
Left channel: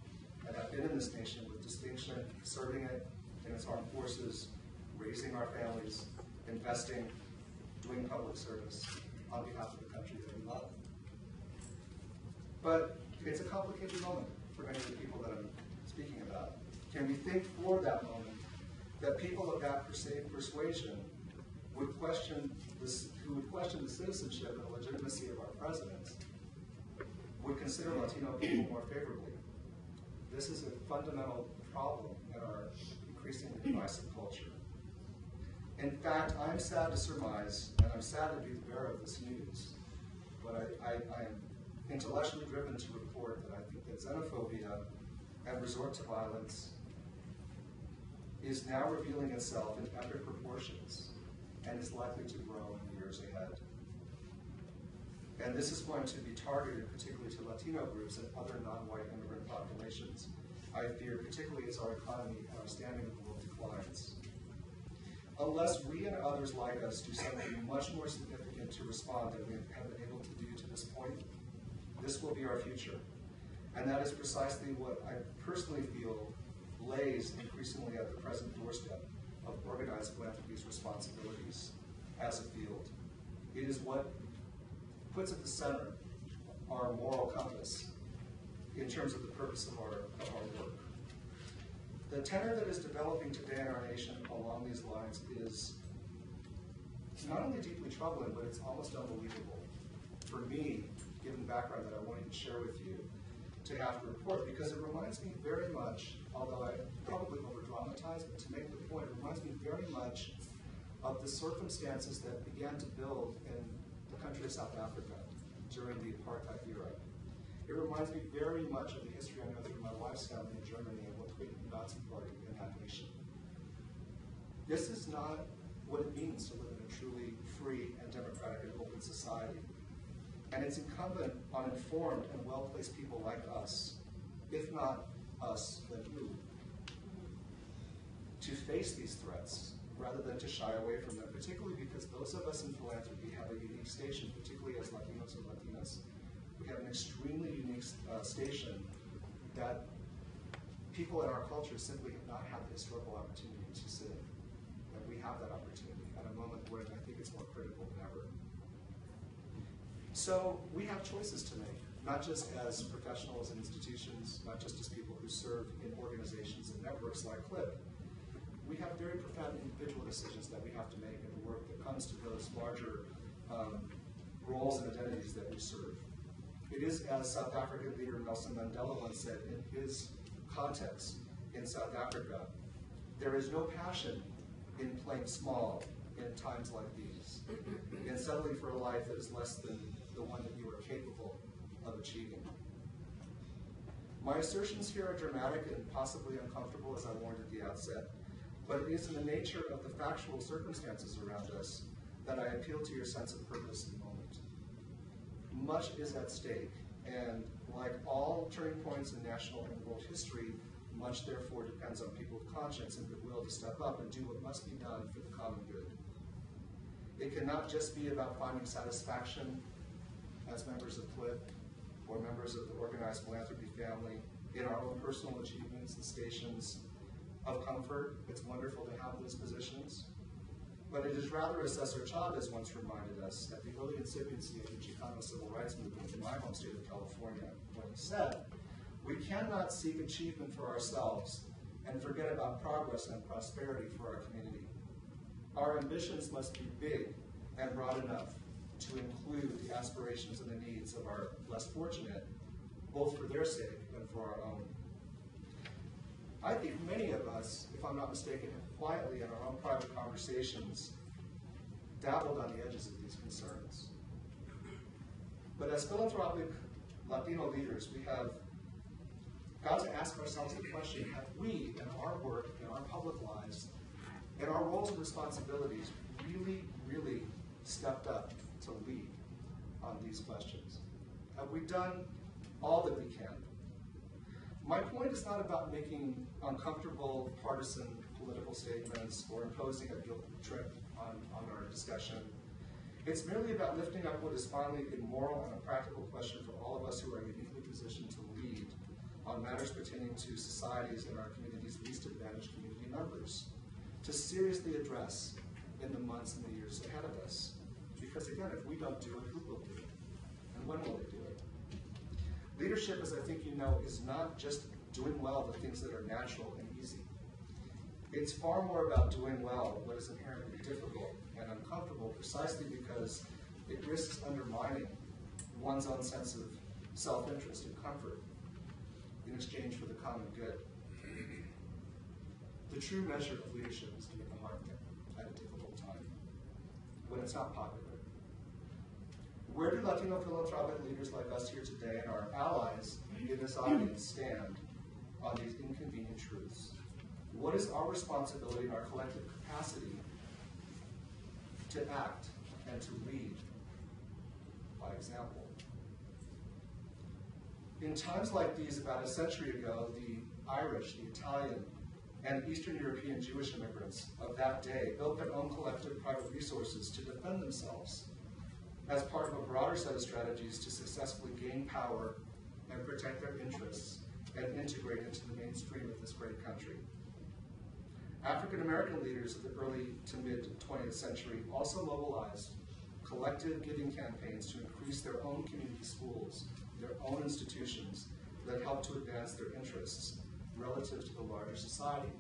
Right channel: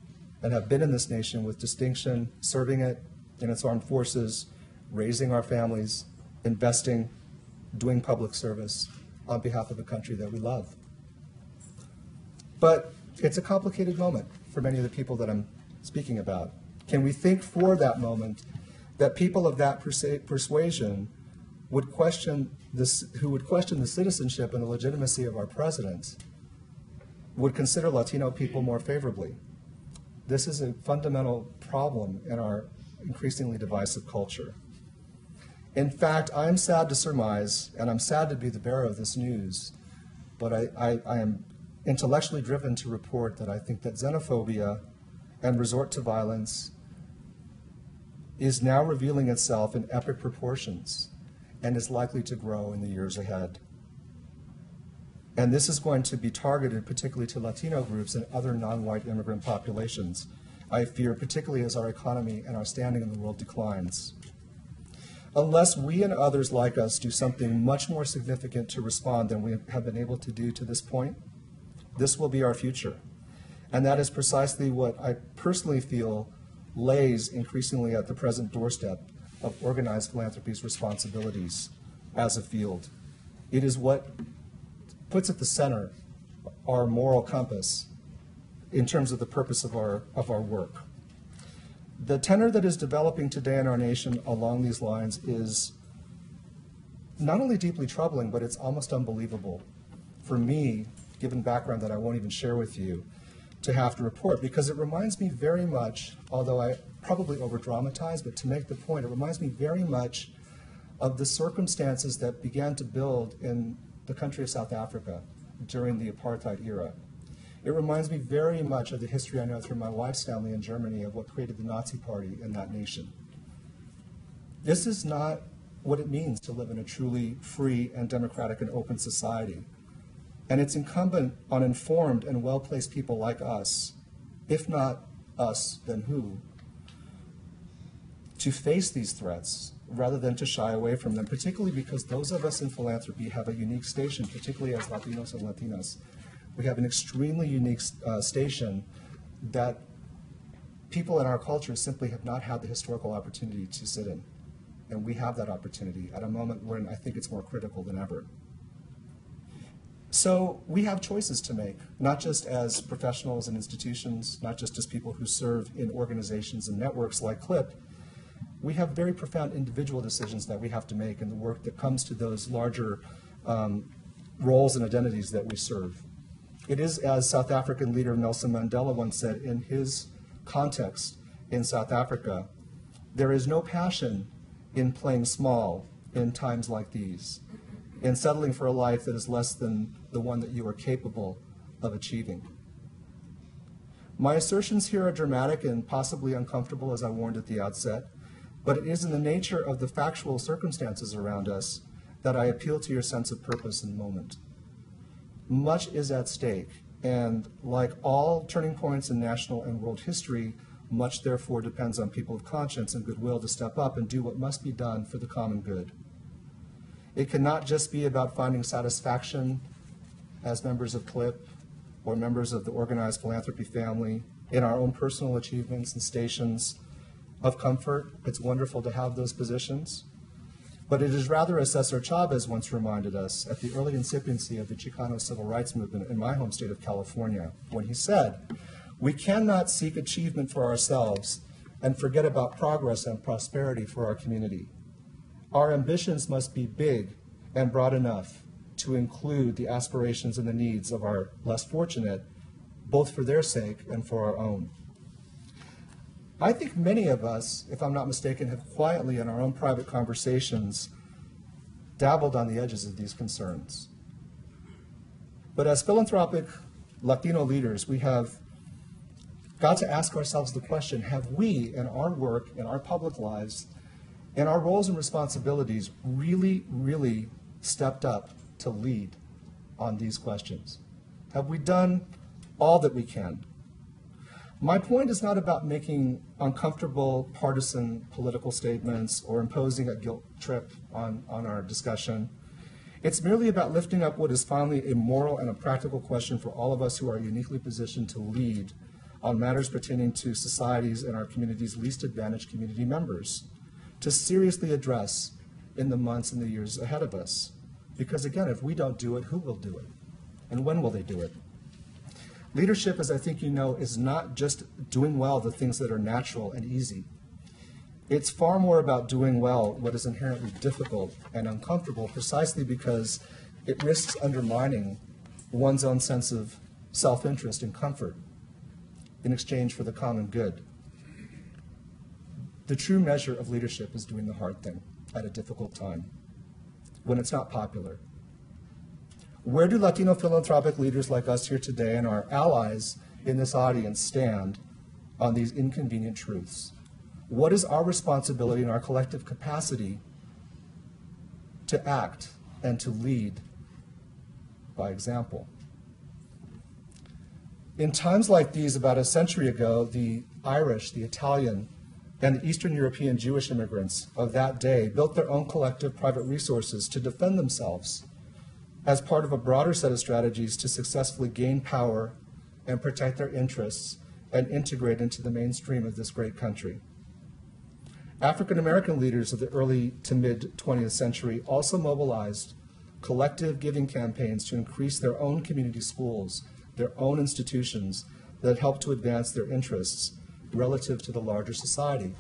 and have been in this nation with distinction, serving it in its armed forces, raising our families, investing, doing public service on behalf of the country that we love. But it's a complicated moment for many of the people that I'm speaking about. Can we think for that moment that people of that persuasion would question this, who would question the citizenship and the legitimacy of our president, would consider Latino people more favorably? This is a fundamental problem in our increasingly divisive culture. In fact, I am sad to surmise, and I'm sad to be the bearer of this news, but I am intellectually driven to report that I think that xenophobia and resort to violence is now revealing itself in epic proportions and is likely to grow in the years ahead. And this is going to be targeted particularly to Latino groups and other non-white immigrant populations, I fear, particularly as our economy and our standing in the world declines. Unless we and others like us do something much more significant to respond than we have been able to do to this point, this will be our future. And that is precisely what I personally feel lays increasingly at the present doorstep of organized philanthropy's responsibilities as a field. It is what puts at the center our moral compass in terms of the purpose of our work. The tenor that is developing today in our nation along these lines is not only deeply troubling, but it's almost unbelievable for me, given background that I won't even share with you, to have to report, because it reminds me very much, although I probably over-dramatize, but to make the point, it reminds me very much of the circumstances that began to build in the country of South Africa during the apartheid era. It reminds me very much of the history I know through my wife's family in Germany of what created the Nazi Party in that nation. This is not what it means to live in a truly free and democratic and open society. And it's incumbent on informed and well-placed people like us, if not us, then who, to face these threats rather than to shy away from them, particularly because those of us in philanthropy have a unique station, particularly as Latinos and Latinas. We have an extremely unique station that people in our culture simply have not had the historical opportunity to sit in. And we have that opportunity at a moment when I think it's more critical than ever. So we have choices to make, not just as professionals and institutions, not just as people who serve in organizations and networks like CLIP. We have very profound individual decisions that we have to make in the work that comes to those larger roles and identities that we serve. It is, as South African leader Nelson Mandela once said in his context in South Africa, there is no passion in playing small in times like these, in settling for a life that is less than the one that you are capable of achieving. My assertions here are dramatic and possibly uncomfortable, as I warned at the outset, but it is in the nature of the factual circumstances around us that I appeal to your sense of purpose in the moment. Much is at stake, and like all turning points in national and world history, much therefore depends on people of conscience and goodwill to step up and do what must be done for the common good. It cannot just be about finding satisfaction as members of CLIP or members of the organized philanthropy family in our own personal achievements and stations of comfort. It's wonderful to have those positions. But it is rather, as Cesar Chavez once reminded us at the early incipiency of the Chicano civil rights movement in my home state of California, when he said, "We cannot seek achievement for ourselves and forget about progress and prosperity for our community. Our ambitions must be big and broad enough to include the aspirations and the needs of our less fortunate, both for their sake and for our own." I think many of us, if I'm not mistaken, have quietly in our own private conversations dabbled on the edges of these concerns. But as philanthropic Latino leaders, we have got to ask ourselves the question, have we in our work, in our public lives, in our roles and responsibilities really, really stepped up to lead on these questions? Have we done all that we can? My point is not about making uncomfortable partisan political statements or imposing a guilt trip on our discussion. It's merely about lifting up what is finally a moral and a practical question for all of us who are uniquely positioned to lead on matters pertaining to societies and our community's least advantaged community members, to seriously address in the months and the years ahead of us. Because again, if we don't do it, who will do it? And when will they do it? Leadership, as I think you know, is not just doing well the things that are natural and easy. It's far more about doing well what is inherently difficult and uncomfortable, precisely because it risks undermining one's own sense of self-interest and comfort in exchange for the common good. The true measure of leadership is doing the hard thing at a difficult time, when it's not popular, Where do Latino philanthropic leaders like us here today and our allies in this audience stand on these inconvenient truths? What is our responsibility and our collective capacity to act and to lead by example? In times like these, about a century ago, the Irish, the Italian, and the Eastern European Jewish immigrants of that day built their own collective private resources to defend themselves as part of a broader set of strategies to successfully gain power and protect their interests and integrate into the mainstream of this great country. African American leaders of the early to mid 20th century also mobilized collective giving campaigns to increase their own community schools, their own institutions that helped to advance their interests relative to the larger society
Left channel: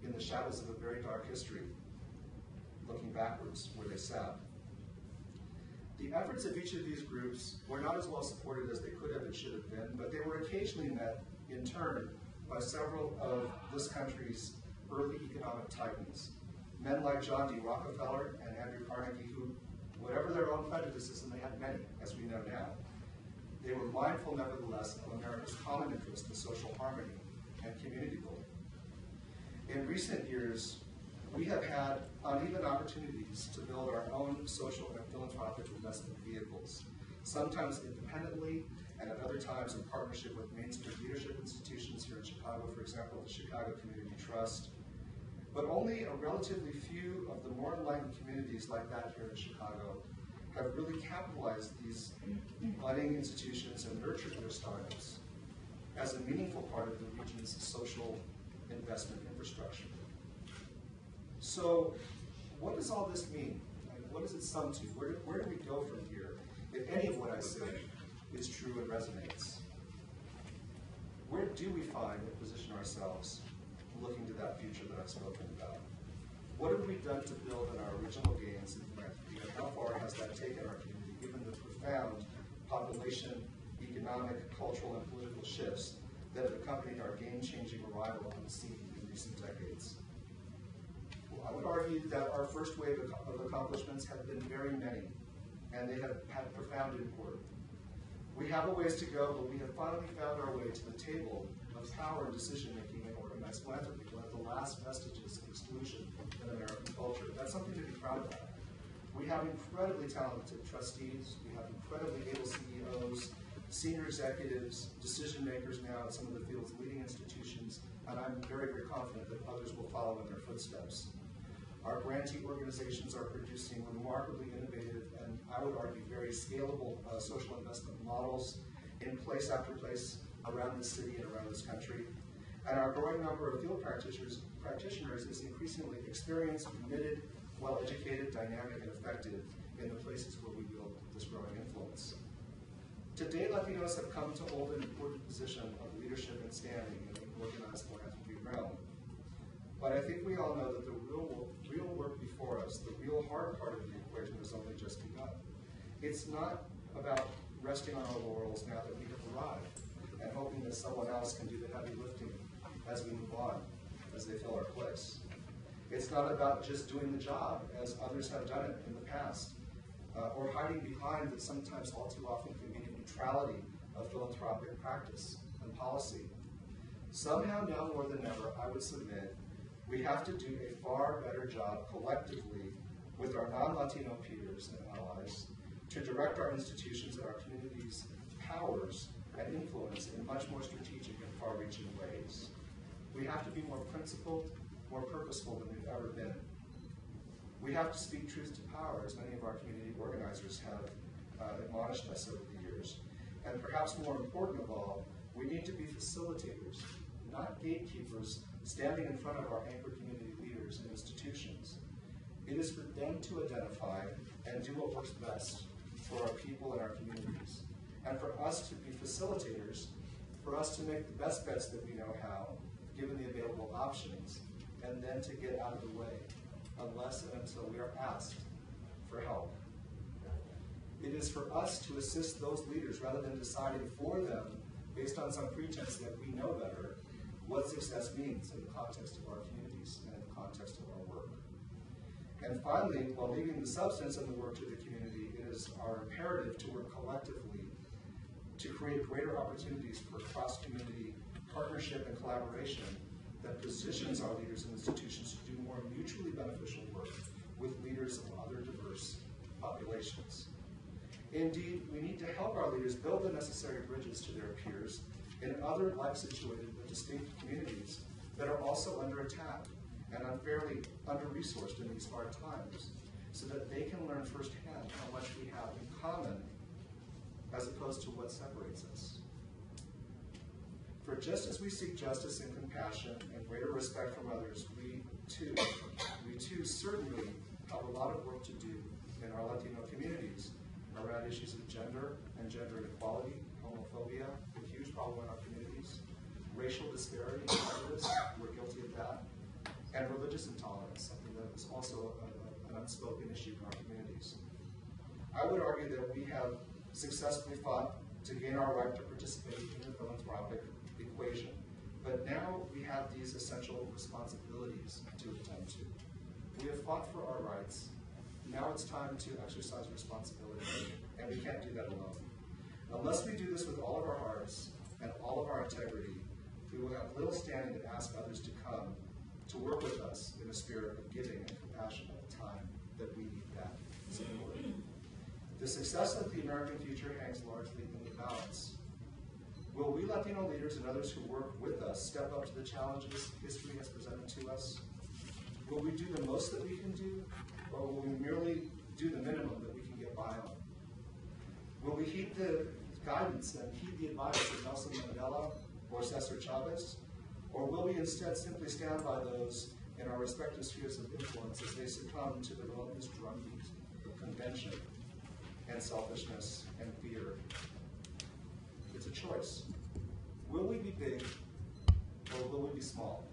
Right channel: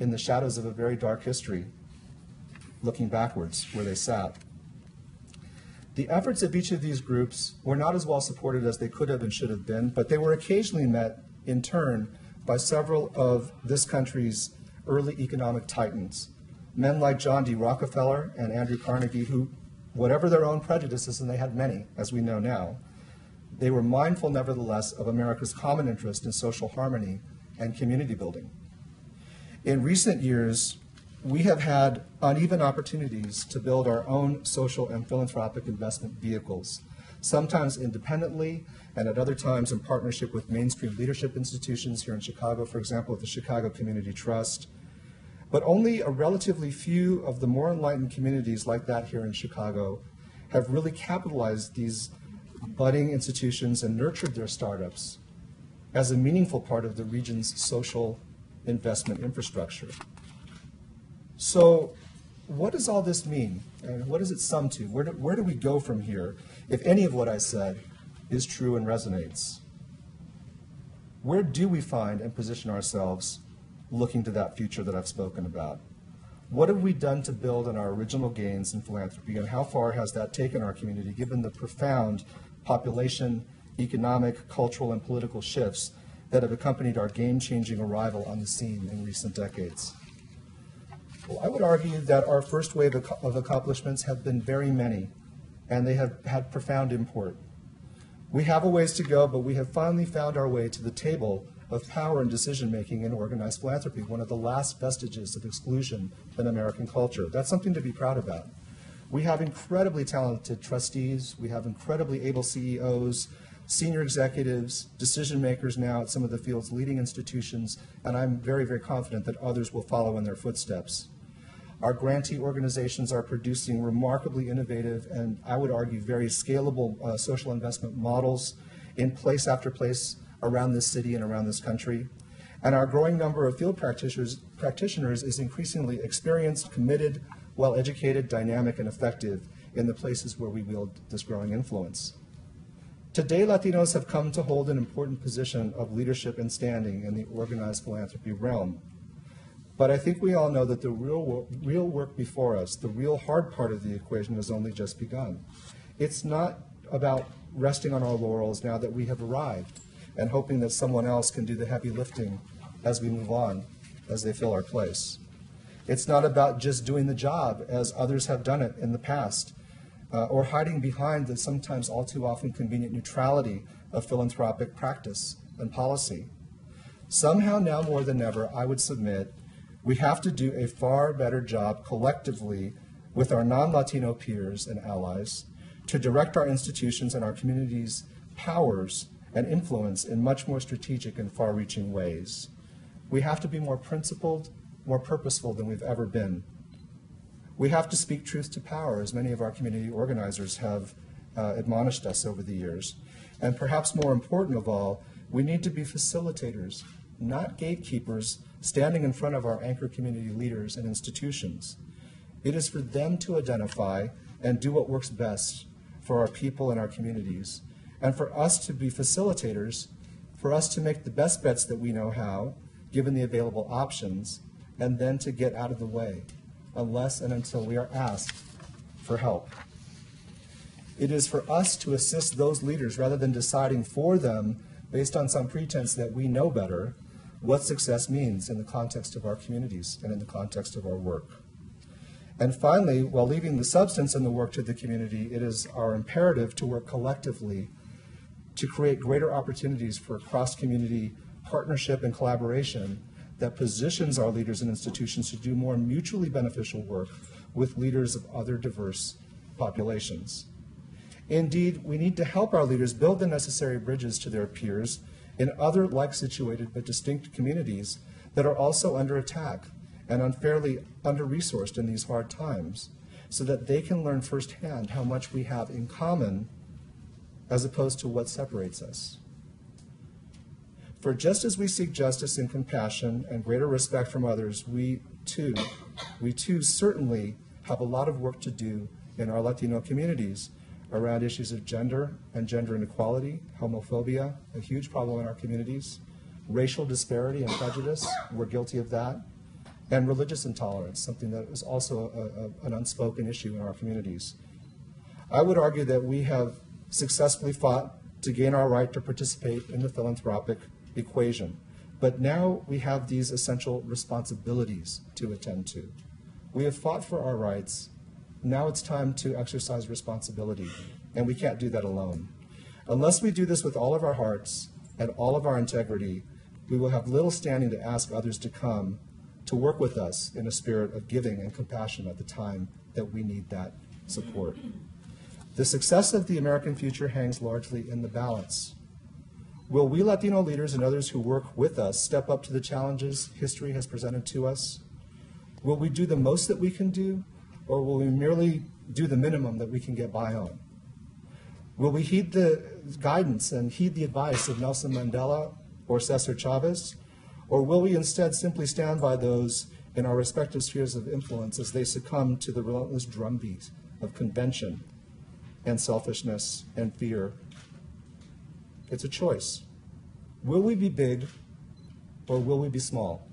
in the shadows of a very dark history, looking backwards where they sat. The efforts of each of these groups were not as well supported as they could have and should have been, but they were occasionally met in turn by several of this country's early economic titans, men like John D. Rockefeller and Andrew Carnegie, who, whatever their own prejudices, and they had many, as we know now, they were mindful, nevertheless, of America's common interest in social harmony and community building. In recent years, we have had uneven opportunities to build our own social and philanthropic investment vehicles, sometimes independently and at other times in partnership with mainstream leadership institutions here in Chicago, for example, with the Chicago Community Trust. But only a relatively few of the more enlightened communities like that here in Chicago have really capitalized these budding institutions and nurtured their startups as a meaningful part of the region's social investment infrastructure. So what does all this mean? And what does it sum to? Where do we go from here if any of what I said is true and resonates? Where do we find and position ourselves looking to that future that I've spoken about? What have we done to build on our original gains in philanthropy, and how far has that taken our community given the profound population, economic, cultural, and political shifts that have accompanied our game-changing arrival on the scene in recent decades? Well, I would argue that our first wave of accomplishments have been very many, and they have had profound import. We have a ways to go, but we have finally found our way to the table of power and decision-making in organized philanthropy, one of the last vestiges of exclusion in American culture. That's something to be proud about. We have incredibly talented trustees, we have incredibly able CEOs, senior executives, decision makers now at some of the field's leading institutions, and I'm very, very confident that others will follow in their footsteps. Our grantee organizations are producing remarkably innovative and, I would argue, very scalable social investment models in place after place around this city and around this country. And our growing number of field practitioners is increasingly experienced, committed, well-educated, dynamic, and effective in the places where we wield this growing influence. Today, Latinos have come to hold an important position of leadership and standing in the organized philanthropy realm. But I think we all know that the real work before us, the real hard part of the equation, has only just begun. It's not about resting on our laurels now that we have arrived and hoping that someone else can do the heavy lifting as we move on, as they fill our place. It's not about just doing the job as others have done it in the past, or hiding behind the sometimes all too often convenient neutrality of philanthropic practice and policy. Somehow now more than ever, I would submit, we have to do a far better job collectively with our non-Latino peers and allies to direct our institutions and our communities' powers and influence in much more strategic and far-reaching ways. We have to be more principled, more purposeful than we've ever been. We have to speak truth to power, as many of our community organizers have admonished us over the years. And perhaps more important of all, we need to be facilitators, not gatekeepers, standing in front of our anchor community leaders and institutions. It is for them to identify and do what works best for our people and our communities, and for us to be facilitators, for us to make the best bets that we know how, given the available options, and then to get out of the way, unless and until we are asked for help. It is for us to assist those leaders rather than deciding for them, based on some pretense that we know better, what success means in the context of our communities and in the context of our work. And finally, while leaving the substance and the work to the community, it is our imperative to work collectively to create greater opportunities for cross-community partnership and collaboration that positions our leaders and institutions to do more mutually beneficial work with leaders of other diverse populations. Indeed, we need to help our leaders build the necessary bridges to their peers in other like-situated but distinct communities that are also under attack and unfairly under-resourced in these hard times, so that they can learn firsthand how much we have in common as opposed to what separates us. For just as we seek justice and compassion and greater respect from others, we too certainly have a lot of work to do in our Latino communities around issues of gender and gender inequality, homophobia, a huge problem in our communities, racial disparity and prejudice, we're guilty of that, and religious intolerance, something that is also an unspoken issue in our communities. I would argue that we have successfully fought to gain our right to participate in the philanthropic equation, but now we have these essential responsibilities to attend to. We have fought for our rights. Now it's time to exercise responsibility, and we can't do that alone. Unless we do this with all of our hearts and all of our integrity, we will have little standing to ask others to come to work with us in a spirit of giving and compassion at the time that we need that support. The success of the American future hangs largely in the balance. Will we Latino leaders and others who work with us step up to the challenges history has presented to us? Will we do the most that we can do, or will we merely do the minimum that we can get by on? Will we heed the guidance and heed the advice of Nelson Mandela or Cesar Chavez, or will we instead simply stand by those in our respective spheres of influence as they succumb to the relentless drumbeat of convention and selfishness and fear? It's a choice. Will we be big, or will we be small?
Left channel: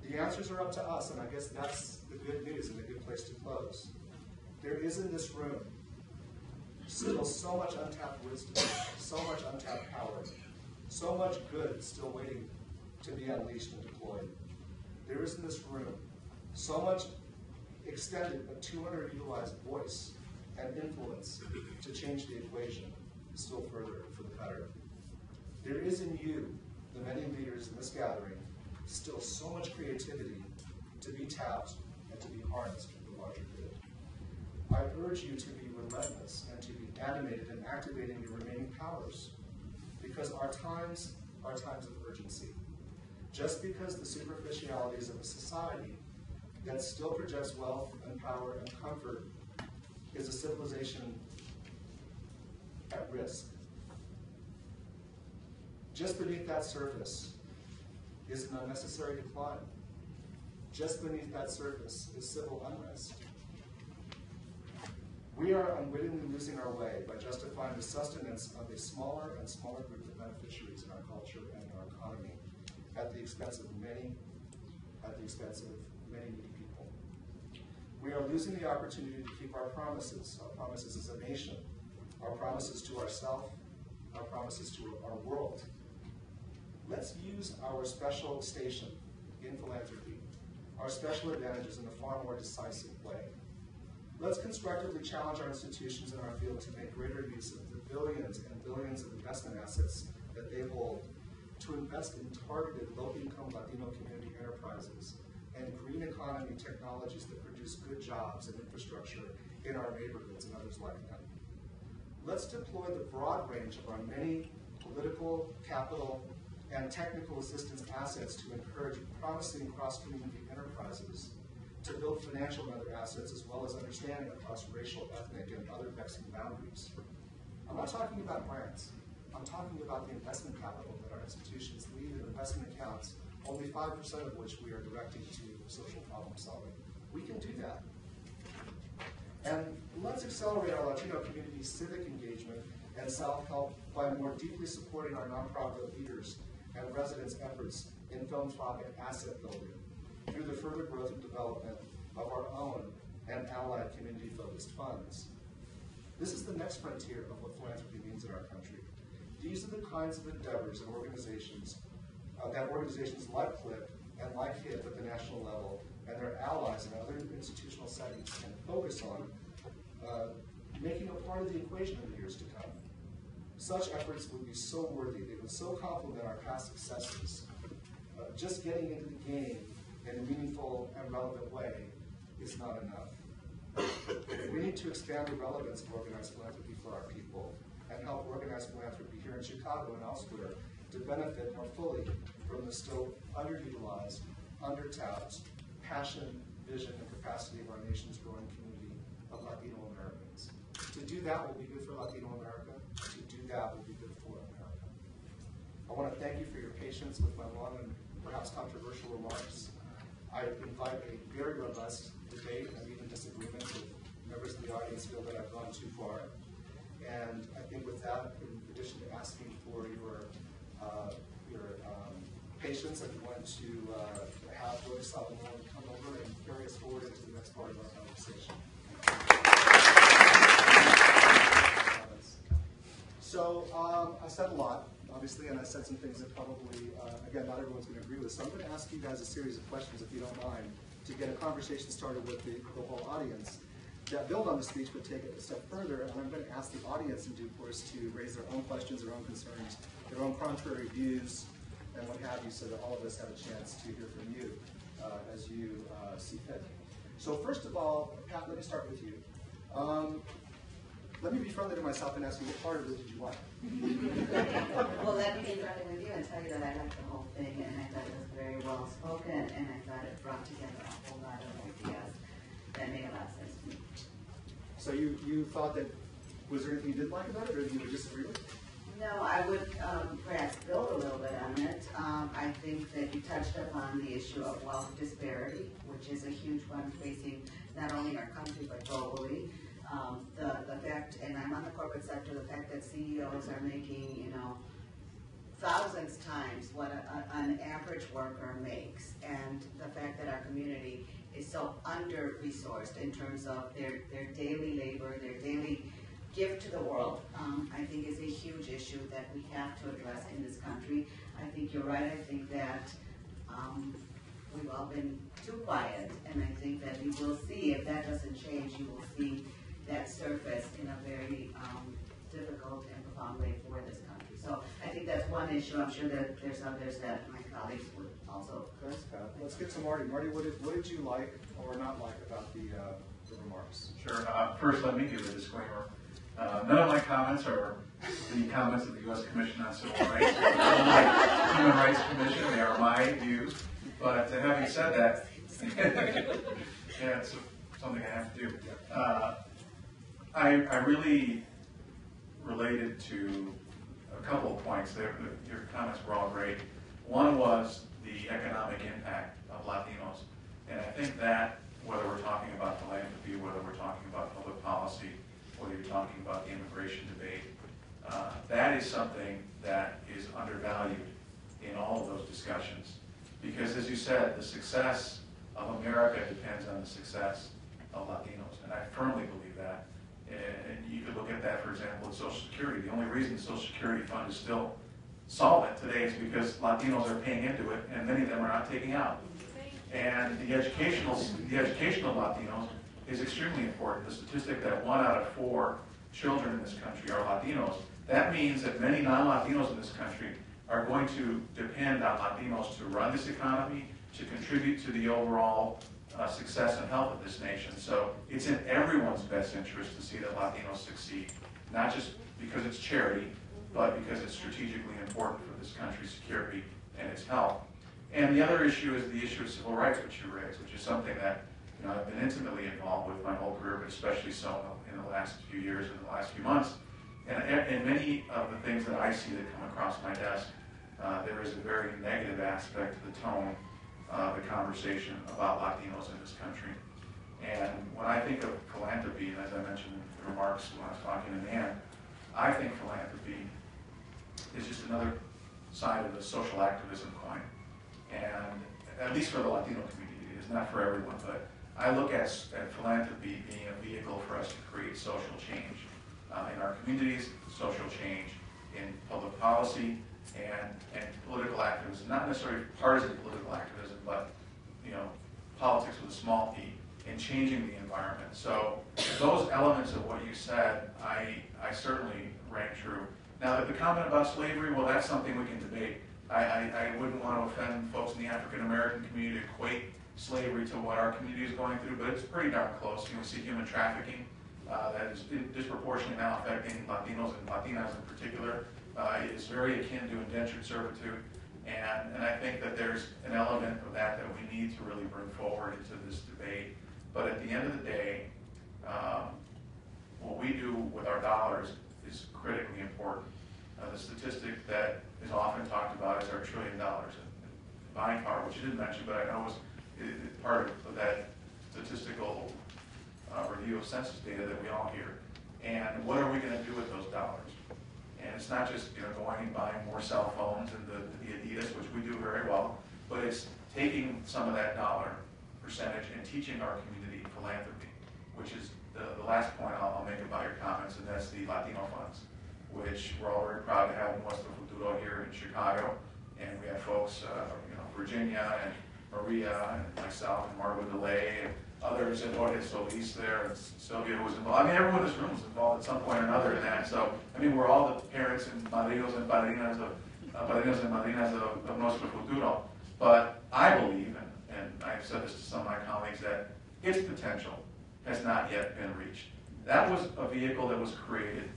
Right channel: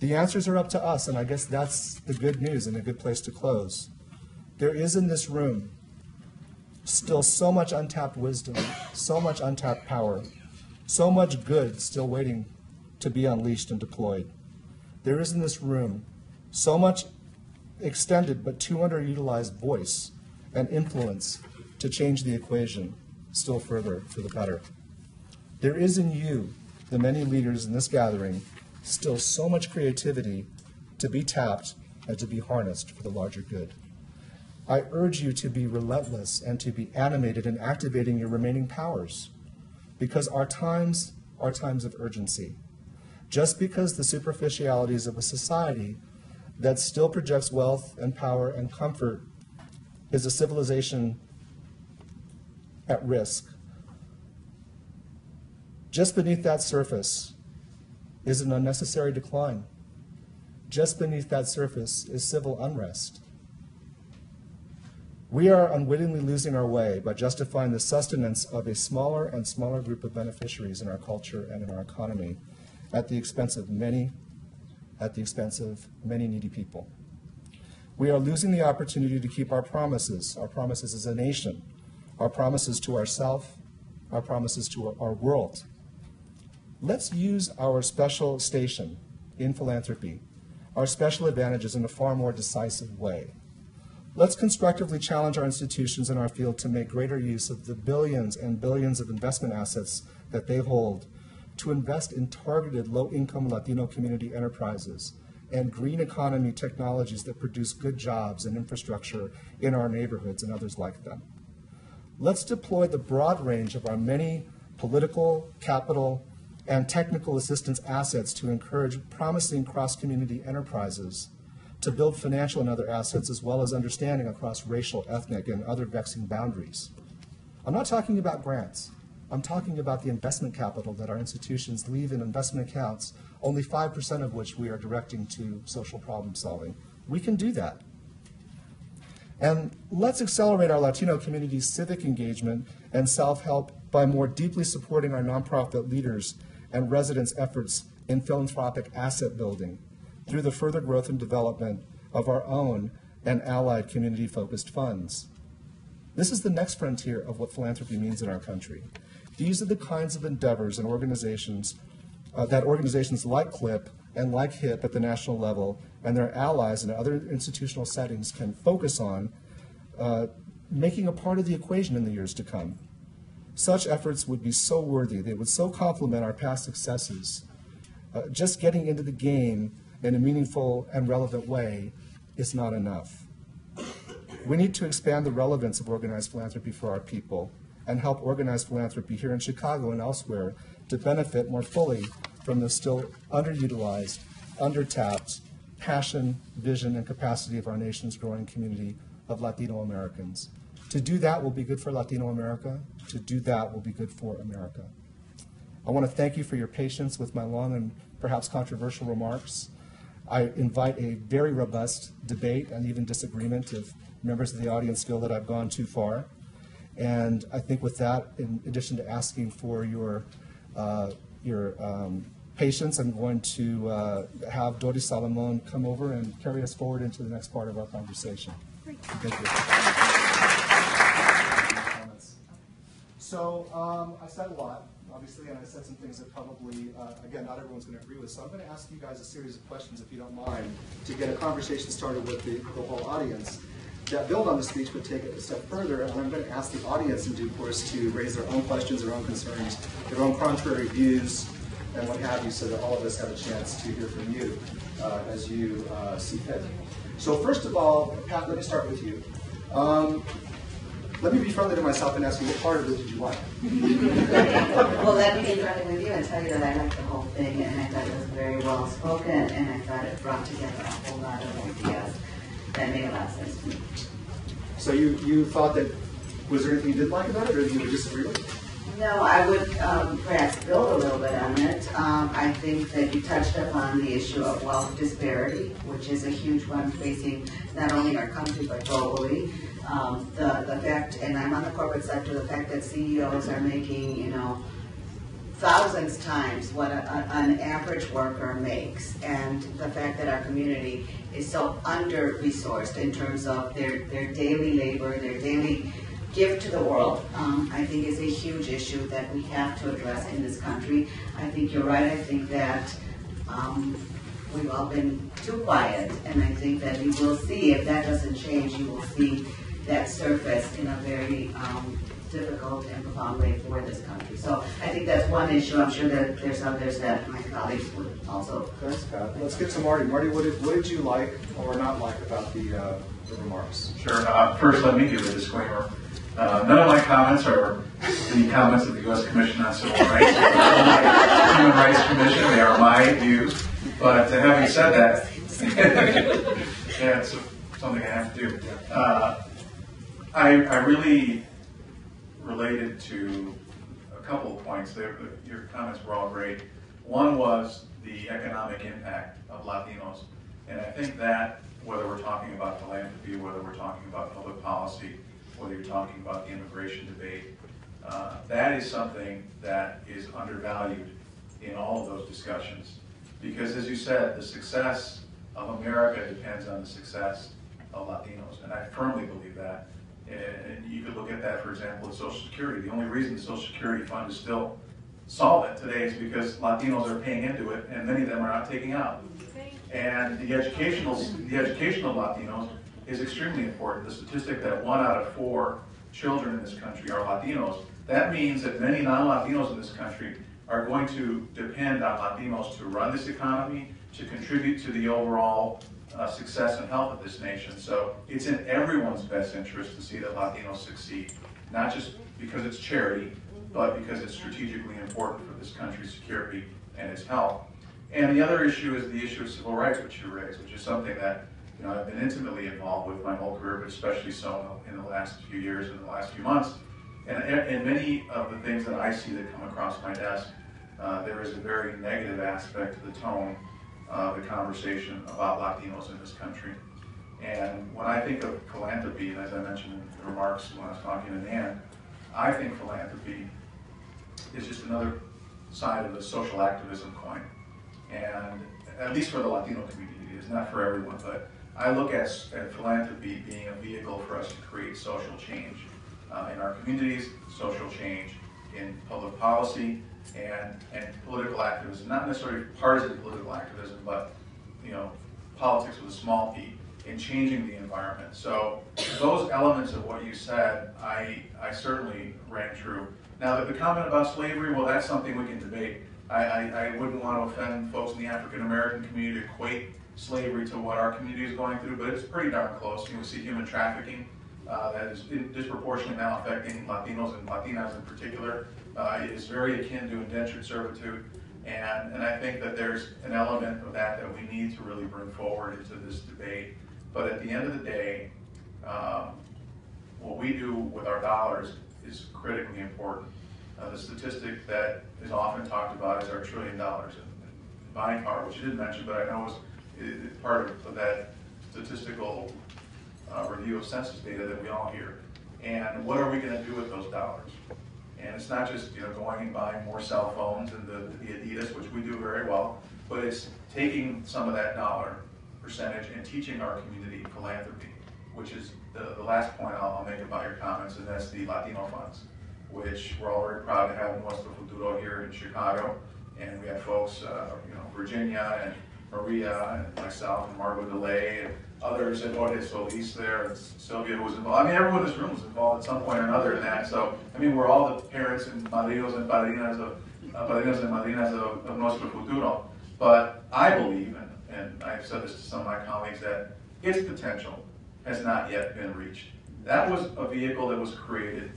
The answers are up to us, and I guess that's the good news and a good place to close. There is in this room still so much untapped wisdom, so much untapped power, so much good still waiting to be unleashed and deployed. There is in this room so much extended but too underutilized voice and influence to change the equation still further for the better. There is in you, the many leaders in this gathering, still so much creativity to be tapped and to be harnessed for the larger good. I urge you to be relentless and to be animated in activating your remaining powers, because our times are times of urgency. Just because the superficialities of a society that still projects wealth and power and comfort is a civilization at risk, just beneath that surface is an unnecessary decline. Just beneath that surface is civil unrest. We are unwittingly losing our way by justifying the sustenance of a smaller and smaller group of beneficiaries in our culture and in our economy at the expense of many needy people. We are losing the opportunity to keep our promises as a nation, our promises to ourselves, our promises to our world. Let's use our special station in philanthropy, our special advantages in a far more decisive way. Let's constructively challenge our institutions in our field to make greater use of the billions and billions of investment assets that they hold to invest in targeted low-income Latino community enterprises and green economy technologies that produce good jobs and infrastructure in our neighborhoods and others like them. Let's deploy the broad range of our many political, capital, and technical assistance assets to encourage promising cross-community enterprises to build financial and other assets, as well as understanding across racial, ethnic, and other vexing boundaries. I'm not talking about grants. I'm talking about the investment capital that our institutions leave in investment accounts, only 5% of which we are directing to social problem solving. We can do that. And let's accelerate our Latino community's civic engagement and self-help by more deeply supporting our nonprofit leaders and residents' efforts in philanthropic asset building through the further growth and development of our own and allied community-focused funds. This is the next frontier of what philanthropy means in our country. These are the kinds of endeavors and organizations that organizations like CLIP and like HIP at the national level and their allies in other institutional settings can focus on making a part of the equation in the years to come. Such efforts would be so worthy. They would so complement our past successes. Just getting into the game in a meaningful and relevant way is not enough. We need to expand the relevance of organized philanthropy for our people and help organized philanthropy here in Chicago and elsewhere to benefit more fully from the still underutilized, undertapped passion, vision, and capacity of our nation's growing community of Latino Americans. To do that will be good for Latino America. To do that will be good for America. I want to thank you for your patience with my long and perhaps controversial remarks. I invite a very robust debate and even disagreement if members of the audience feel that I've gone too far. And I think with that, in addition to asking for your patience, I'm going to have Doris Salomon come over and carry us forward into the next part of our conversation. Thank you. So I said a lot, obviously, and I said some things that probably, again, not everyone's going to agree with. So I'm going to ask you guys a series of questions, if you don't mind, to get a conversation started with the whole audience that build on the speech but take it a step further. And I'm going to ask the audience in due course to raise their own questions, their own concerns, their own contrary views, and what have you, so that all of us have a chance to hear from you as you see fit. So first of all, Pat, let me start with you. Let me be friendly to myself and ask you, what part of it did you like? Well, let me be friendly with you and tell you that I liked the whole thing, and I thought it was very well spoken, and I thought it brought together a whole lot of ideas that made a lot of sense to me. So you thought that, was there anything you didn't like about it, or you would disagree with it? No, I would perhaps build a little bit on it. I think that you touched upon the issue of wealth disparity, which is a huge one facing not only our country but globally. The fact, and I'm on the corporate sector, the fact that CEOs are making, thousands times what an average worker makes, and the fact that our community is so under-resourced in terms of their daily labor, their daily gift to the world, I think is a huge issue that we have to address in this country. I think you're right. I think that we've all been too quiet, and I think that you will see, if that doesn't change, you will see that surface in a very difficult and profound way for this country. So I think that's one issue. I'm sure that there's others that my colleagues would also. Thanks, Pat. Let's get to Marty. Marty, what did you like or not like about the remarks? Sure. First, let me give a disclaimer. None of my comments are the comments of the U.S. Commission on Civil Rights or the Human Rights Commission. They are my views. But having said that, yeah, it's something I have to do. I really related to a couple of points there. Your comments were all great. One was the economic impact of Latinos. And I think that, whether we're talking about philanthropy, whether we're talking about public policy, whether you're talking about the immigration debate, that is something that is undervalued in all of those discussions. Because as you said, the success of America depends on the success of Latinos. And I firmly believe that. And you could look at that, for example, with Social Security. The only reason the Social Security fund is still solvent today is because Latinos are paying into it, and many of them are not taking out. And the education of Latinos is extremely important. The statistic that 1 out of 4 children in this country are Latinos, that means that many non-Latinos in this country are going to depend on Latinos to run this economy, to contribute to the overall success and health of this nation. So it's in everyone's best interest to see that Latinos succeed, not just because it's charity, but because it's strategically important for this country's security and its health. And the other issue is the issue of civil rights, which you raised, which is something that I've been intimately involved with my whole career, but especially so in the last few years and the last few months. And many of the things that I see that come across my desk, there is a very negative aspect to the tone of the conversation about Latinos in this country. And when I think of philanthropy, and as I mentioned in the remarks when I was talking to Nan, I think philanthropy is just another side of the social activism coin. And at least for the Latino community, it is not for everyone, but I look at philanthropy being a vehicle for us to create social change in our communities, social change in public policy, and political activism, not necessarily partisan political activism, but politics with a small p, in changing the environment. So those elements of what you said, I certainly rang true. Now, the comment about slavery, well, that's something we can debate. I wouldn't want to offend folks in the African American community to equate slavery to what our community is going through, but it's pretty darn close. You know, we see human trafficking that is disproportionately now affecting Latinos and Latinas in particular. It is very akin to indentured servitude, and I think that there's an element of that we need to really bring forward into this debate. But at the end of the day, what we do with our dollars is critically important. The statistic that is often talked about is our $1 trillion in buying power, which you didn't mention, but I know is part of that statistical review of census data that we all hear. And what are we going to do with those dollars? And it's not just going and buying more cell phones and the Adidas, which we do very well, but it's taking some of that dollar percentage and teaching our community philanthropy, which is the last point I'll make about your comments, and that's the Latino funds, which we're all very proud to have in Nuestro Futuro here in Chicago. And we have folks, Virginia and Maria and myself and Margot DeLay and others, and Jorge Solis there, and Sylvia who was involved. I mean, everyone in this room was involved at some point or another in that. So, I mean, we're all the parents and padrinos and padrinas of madrinas of Nuestro Futuro. But I believe, and I've said this to some of my colleagues, that its potential has not yet been reached. That was a vehicle that was created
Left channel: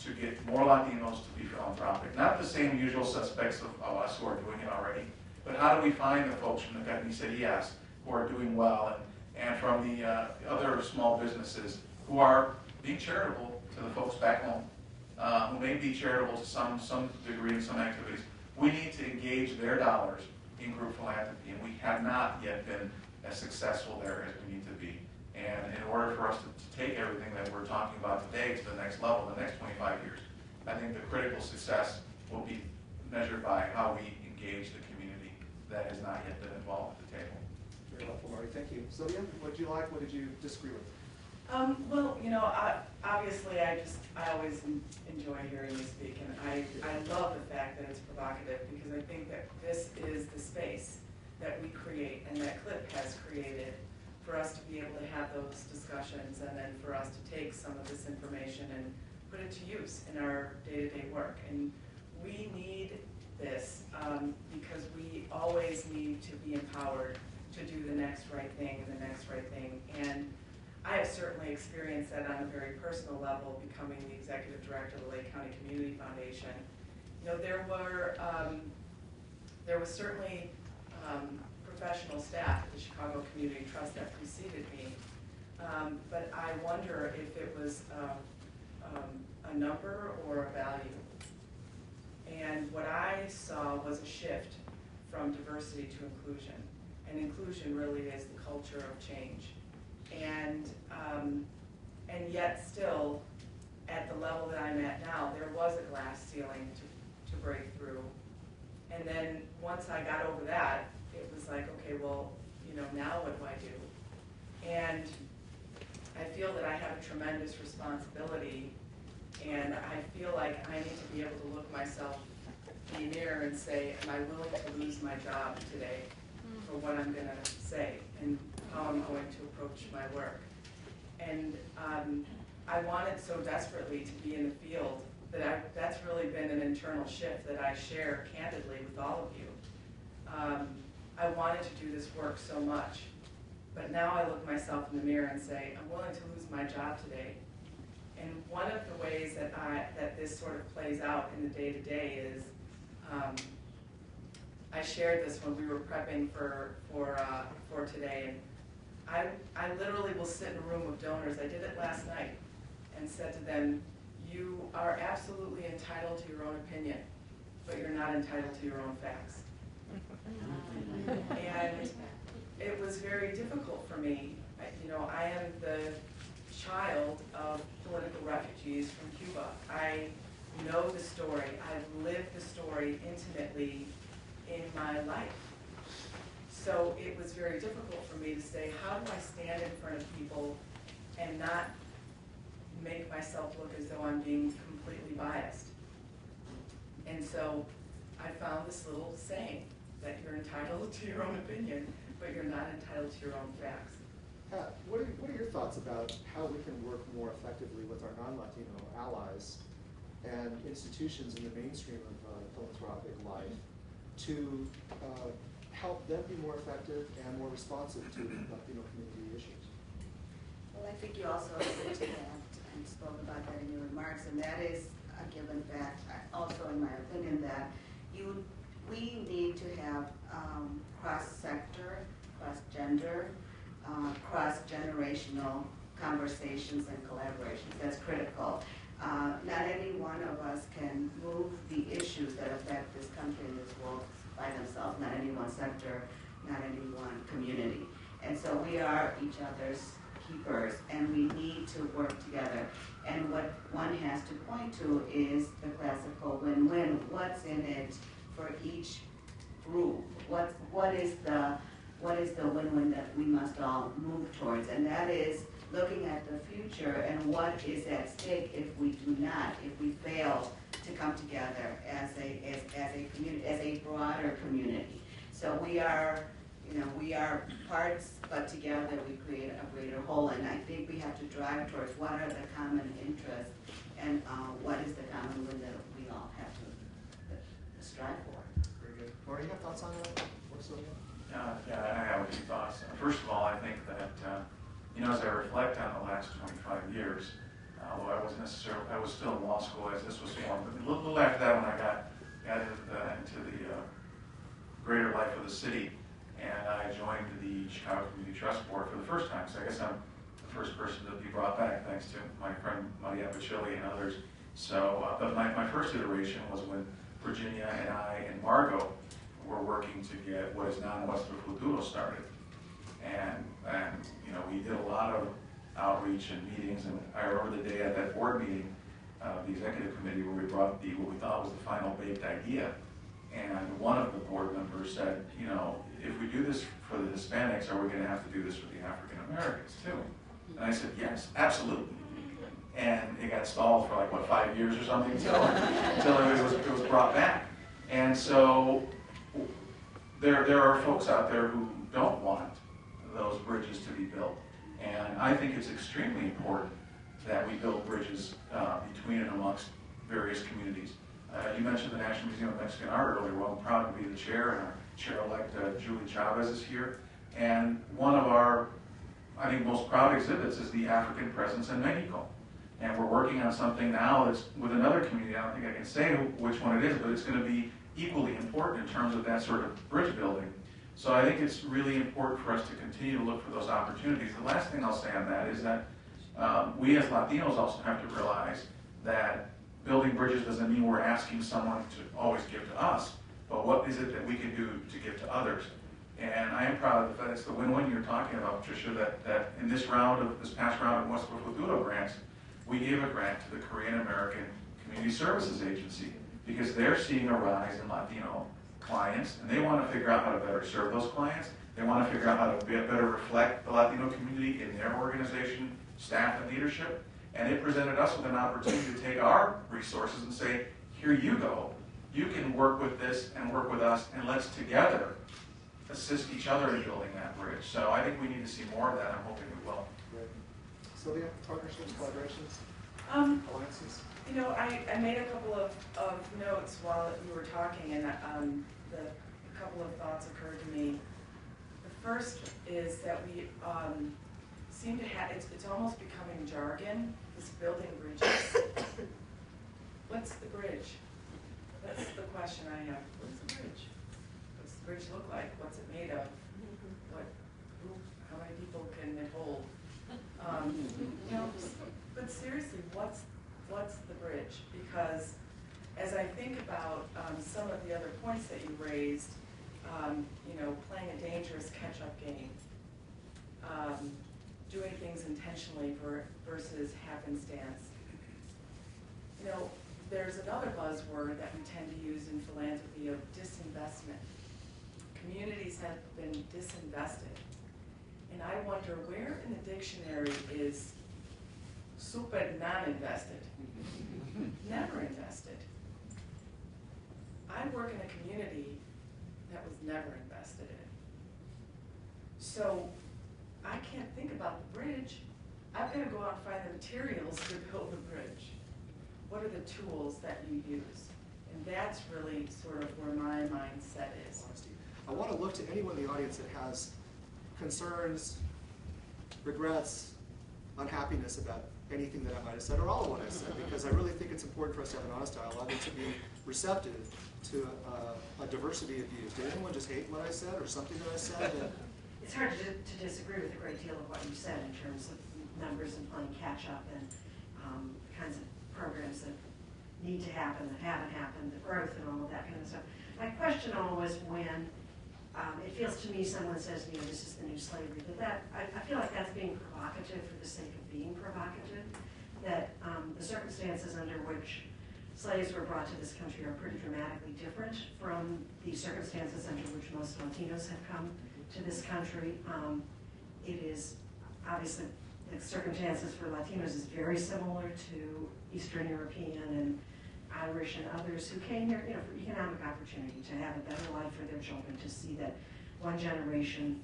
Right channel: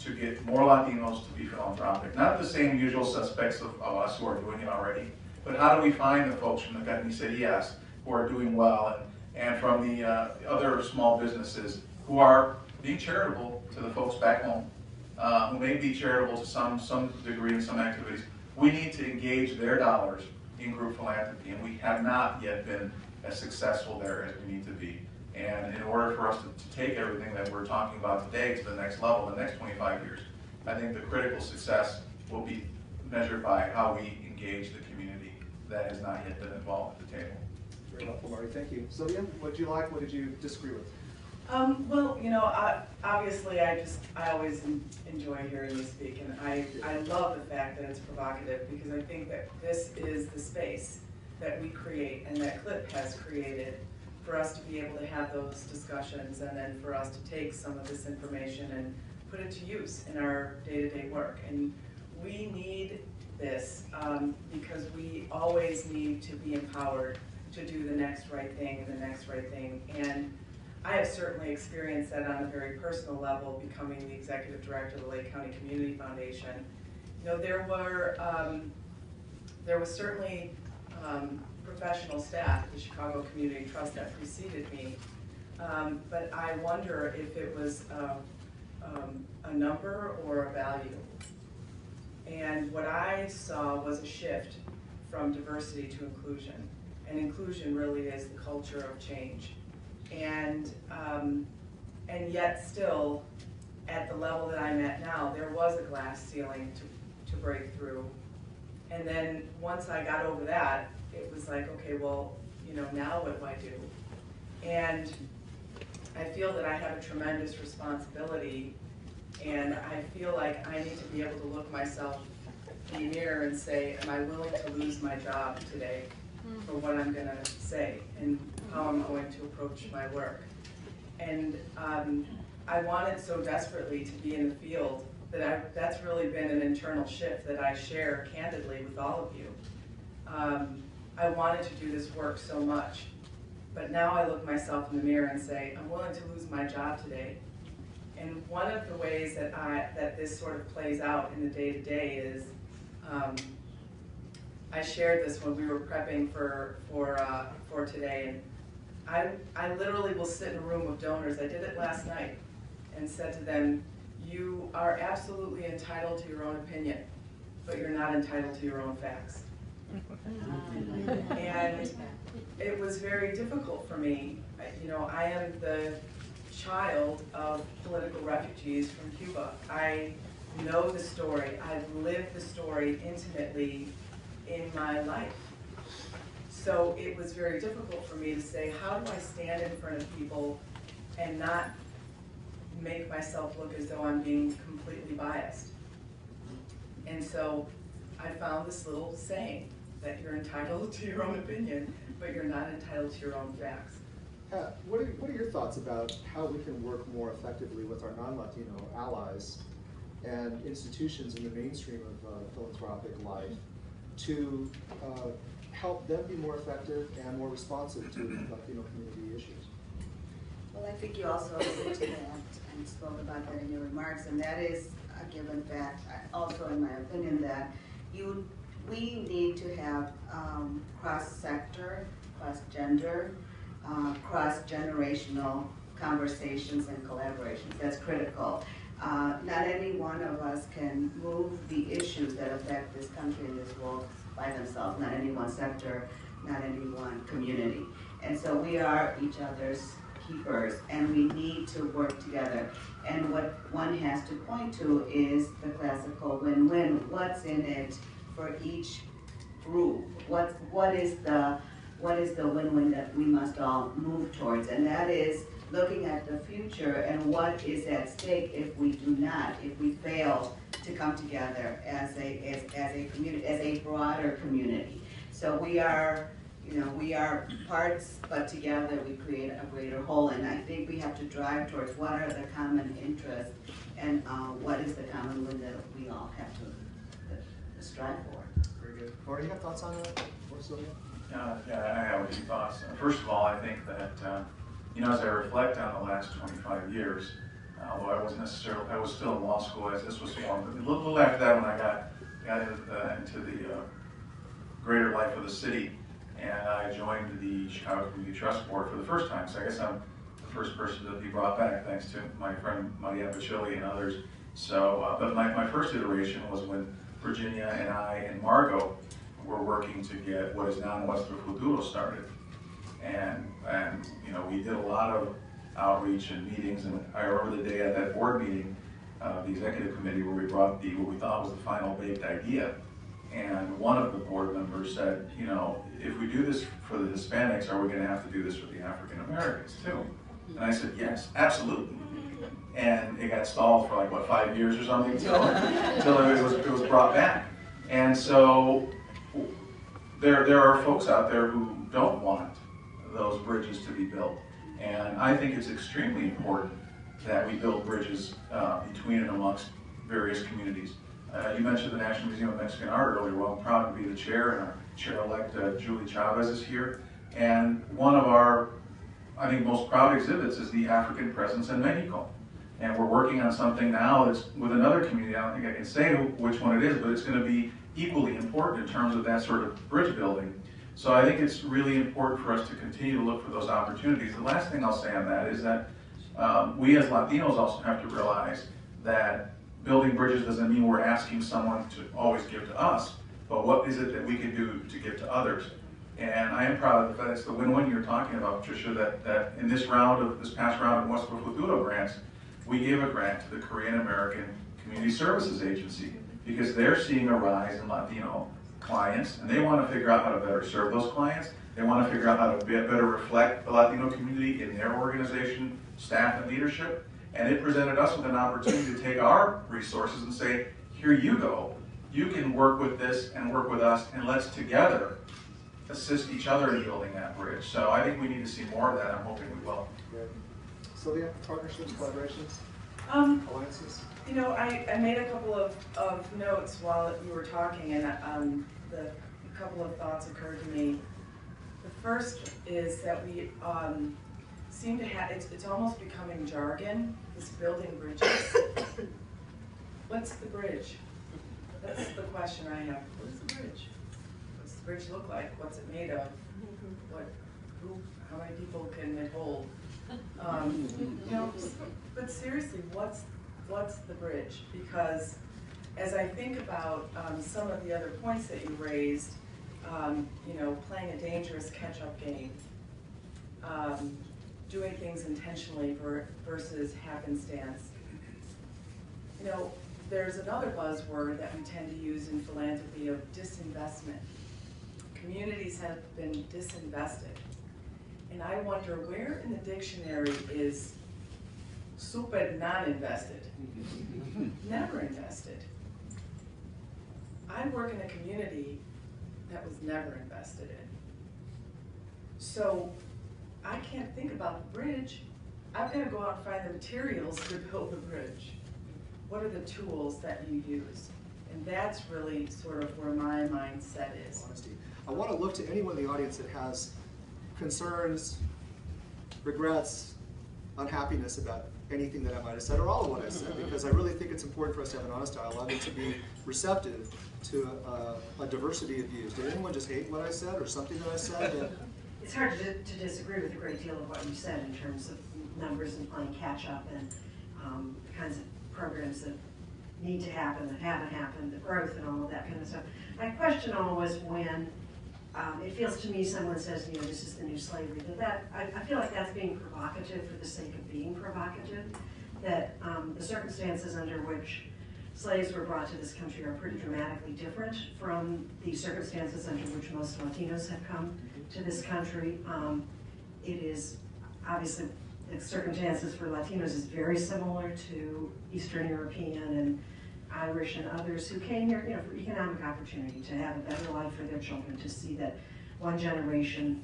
to get more Latinos to be philanthropic. Not the same usual suspects of us who are doing it already, but how do we find the folks from the carnicerias who are doing well, and from the other small businesses who are being charitable to the folks back home, who may be charitable to some degree in some activities. We need to engage their dollars in group philanthropy, and we have not yet been as successful there as we need to be. And in order for us to take everything that we're talking about today to the next level, the next 25 years, I think the critical success will be measured by how we engage the community that has not yet been involved at the table. Very helpful, Marty. Thank you. Sylvia, what did you like? What did you disagree with? Well, obviously I always enjoy hearing you speak, and I love the fact that it's provocative, because I think that this is the space that we create and that CLIP has created for us to be able to have those discussions, and then for us to take some of this information and put it to use in our day-to-day work. And we need this because we always need to be empowered to do the next right thing and the next right thing. And I have certainly experienced that on a very personal level, becoming the executive director of the Lake County Community Foundation. There was certainly professional staff at the Chicago Community Trust that preceded me, but I wonder if it was a number or a value. And what I saw was a shift from diversity to inclusion, and inclusion really is the culture of change. And yet still, at the level that I'm at now, there was a glass ceiling to break through. And then once I got over that, it was like, okay, well, now what do I do? And I feel that I have a tremendous responsibility, and I feel like I need to be able to look myself in the mirror and say, am I willing to lose my job today for what I'm going to say and how I'm going to approach my work? And I wanted so desperately to be in the field that that's really been an internal shift that I share candidly with all of you. I wanted to do this work so much, but now I look myself in the mirror and say, I'm willing to lose my job today. And one of the ways that this sort of plays out in the day-to-day is, I shared this when we were prepping for today, and I literally will sit in a room of donors. I did it last night and said to them, you are absolutely entitled to your own opinion, but you're not entitled to your own facts. And it was very difficult for me. I am the child of political refugees from Cuba. I know the story. I've lived the story intimately in my life. So it was very difficult for me to say, how do I stand in front of people and not make myself look as though I'm being completely biased? And so I found this little saying that you're entitled to your own opinion, but you're not entitled to your own facts. What are your thoughts about how we can work more effectively with our non-Latino allies and institutions in the mainstream of philanthropic life to help them be more effective and more responsive to Latino community issues? Well, I think you also alluded to that and spoke about that in your remarks, and that is a given fact, also in my opinion, that we need to have cross-sector, cross-gender, cross-generational conversations and collaborations. That's critical. Not any one of us can move the issues that affect this country and this world by themselves, not any one sector, not any one community. And so we are each other's keepers, and we need to work together. And what one has to point to is the classical win-win. What's in it for each group? What is the win-win that we must all move towards? And that is looking at the future and what is at stake if we do not, if we fail to come together as a community, as a broader community. So we are parts, but together we create a greater whole. And I think we have to drive towards what are the common interests and what is the common win that we all have to strive for. Very good. Laura, you have thoughts on that? Or Sylvia? Yeah, I have a few thoughts. First of all, I think that, as I reflect on the last 25 years, although I was still in law school as this was formed, but a little after that when I got into the greater life of the city, and I joined the Chicago Community Trust Board for the first time. So I guess I'm the first person to be brought back, thanks to my friend Maria Bacilli and others. So, but my first iteration was when Virginia and I and Margot were working to get what is now Nuestro Futuro started. And we did a lot of outreach and meetings, and I remember the day at that board meeting, the executive committee, where we brought what we thought was the final baked idea. And one of the board members said, if we do this for the Hispanics, are we going to have to do this for the African Americans too? And I said, yes, absolutely. And it got stalled for 5 years or something until it was brought back. And so there are folks out there who don't want those bridges to be built. And I think it's extremely important that we build bridges between and amongst various communities. You mentioned the National Museum of Mexican Art earlier. Well, I'm proud to be the chair, and our chair-elect Julie Chavez is here. And one of our, I think, most proud exhibits is the African presence in Mexico. And we're working on something now that's with another community. I don't think I can say which one it is, but it's going to be equally important in terms of that sort of bridge building. So I think it's really important for us to continue to look for those opportunities. The last thing I'll say on that is that we as Latinos also have to realize that building bridges doesn't mean we're asking someone to always give to us, but what is it that we can do to give to others? And I am proud of the fact it's the win-win you're talking about, Patricia, that in this past round of Nuestro Futuro grants, we gave a grant to the Korean American Community Services Agency because they're seeing a rise in Latino clients, and they want to figure out how to better serve those clients. They want to figure out how to better reflect the Latino community in their organization, staff, and leadership. And it presented us with an opportunity to take our resources and say, here you go. You can work with this and work with us, and let's together assist each other in building that bridge. So I think we need to see more of that. I'm hoping we will. Great. Sylvia, partnerships, collaborations, alliances? I made a couple of notes while you were talking, and a couple of thoughts occurred to me. The first is that we seem to have, it's almost becoming jargon, this building bridges. What's the bridge? That's the question I have. What is the bridge? What's the bridge look like? What's it made of? How many people can it hold? But seriously, what's the bridge? Because as I think about some of the other points that you raised, playing a dangerous catch-up game, doing things intentionally versus happenstance. There's another buzzword that we tend to use in philanthropy of disinvestment. Communities have been disinvested. And I wonder where in the dictionary is super non-invested? Never invested. I work in a community that was never invested in. So I can't think about the bridge. I've got to go out and find the materials to build the bridge. What are the tools that you use? And that's really sort of where my mindset is. Honesty. I want to look to anyone in the audience that has concerns, regrets, unhappiness about anything that I might have said or all of what I said, because I really think it's important for us to have an honest dialogue and to be receptive to a diversity of views. Did anyone just hate what I said or something that I said? It's hard to disagree with a great deal of what you said in terms of numbers and playing catch up and the kinds of programs that need to happen, that haven't happened, the growth and all of that kind of stuff. My question always when it feels to me someone says, you know, this is the new slavery, I feel like that's being provocative for the sake of being provocative, that the circumstances under which slaves were brought to this country are pretty dramatically different from the circumstances under which most Latinos have come to this country. It is obviously, the circumstances for Latinos is very similar to Eastern European and Irish and others who came here, you know, for economic opportunity, to have a better life for their children, to see that one generation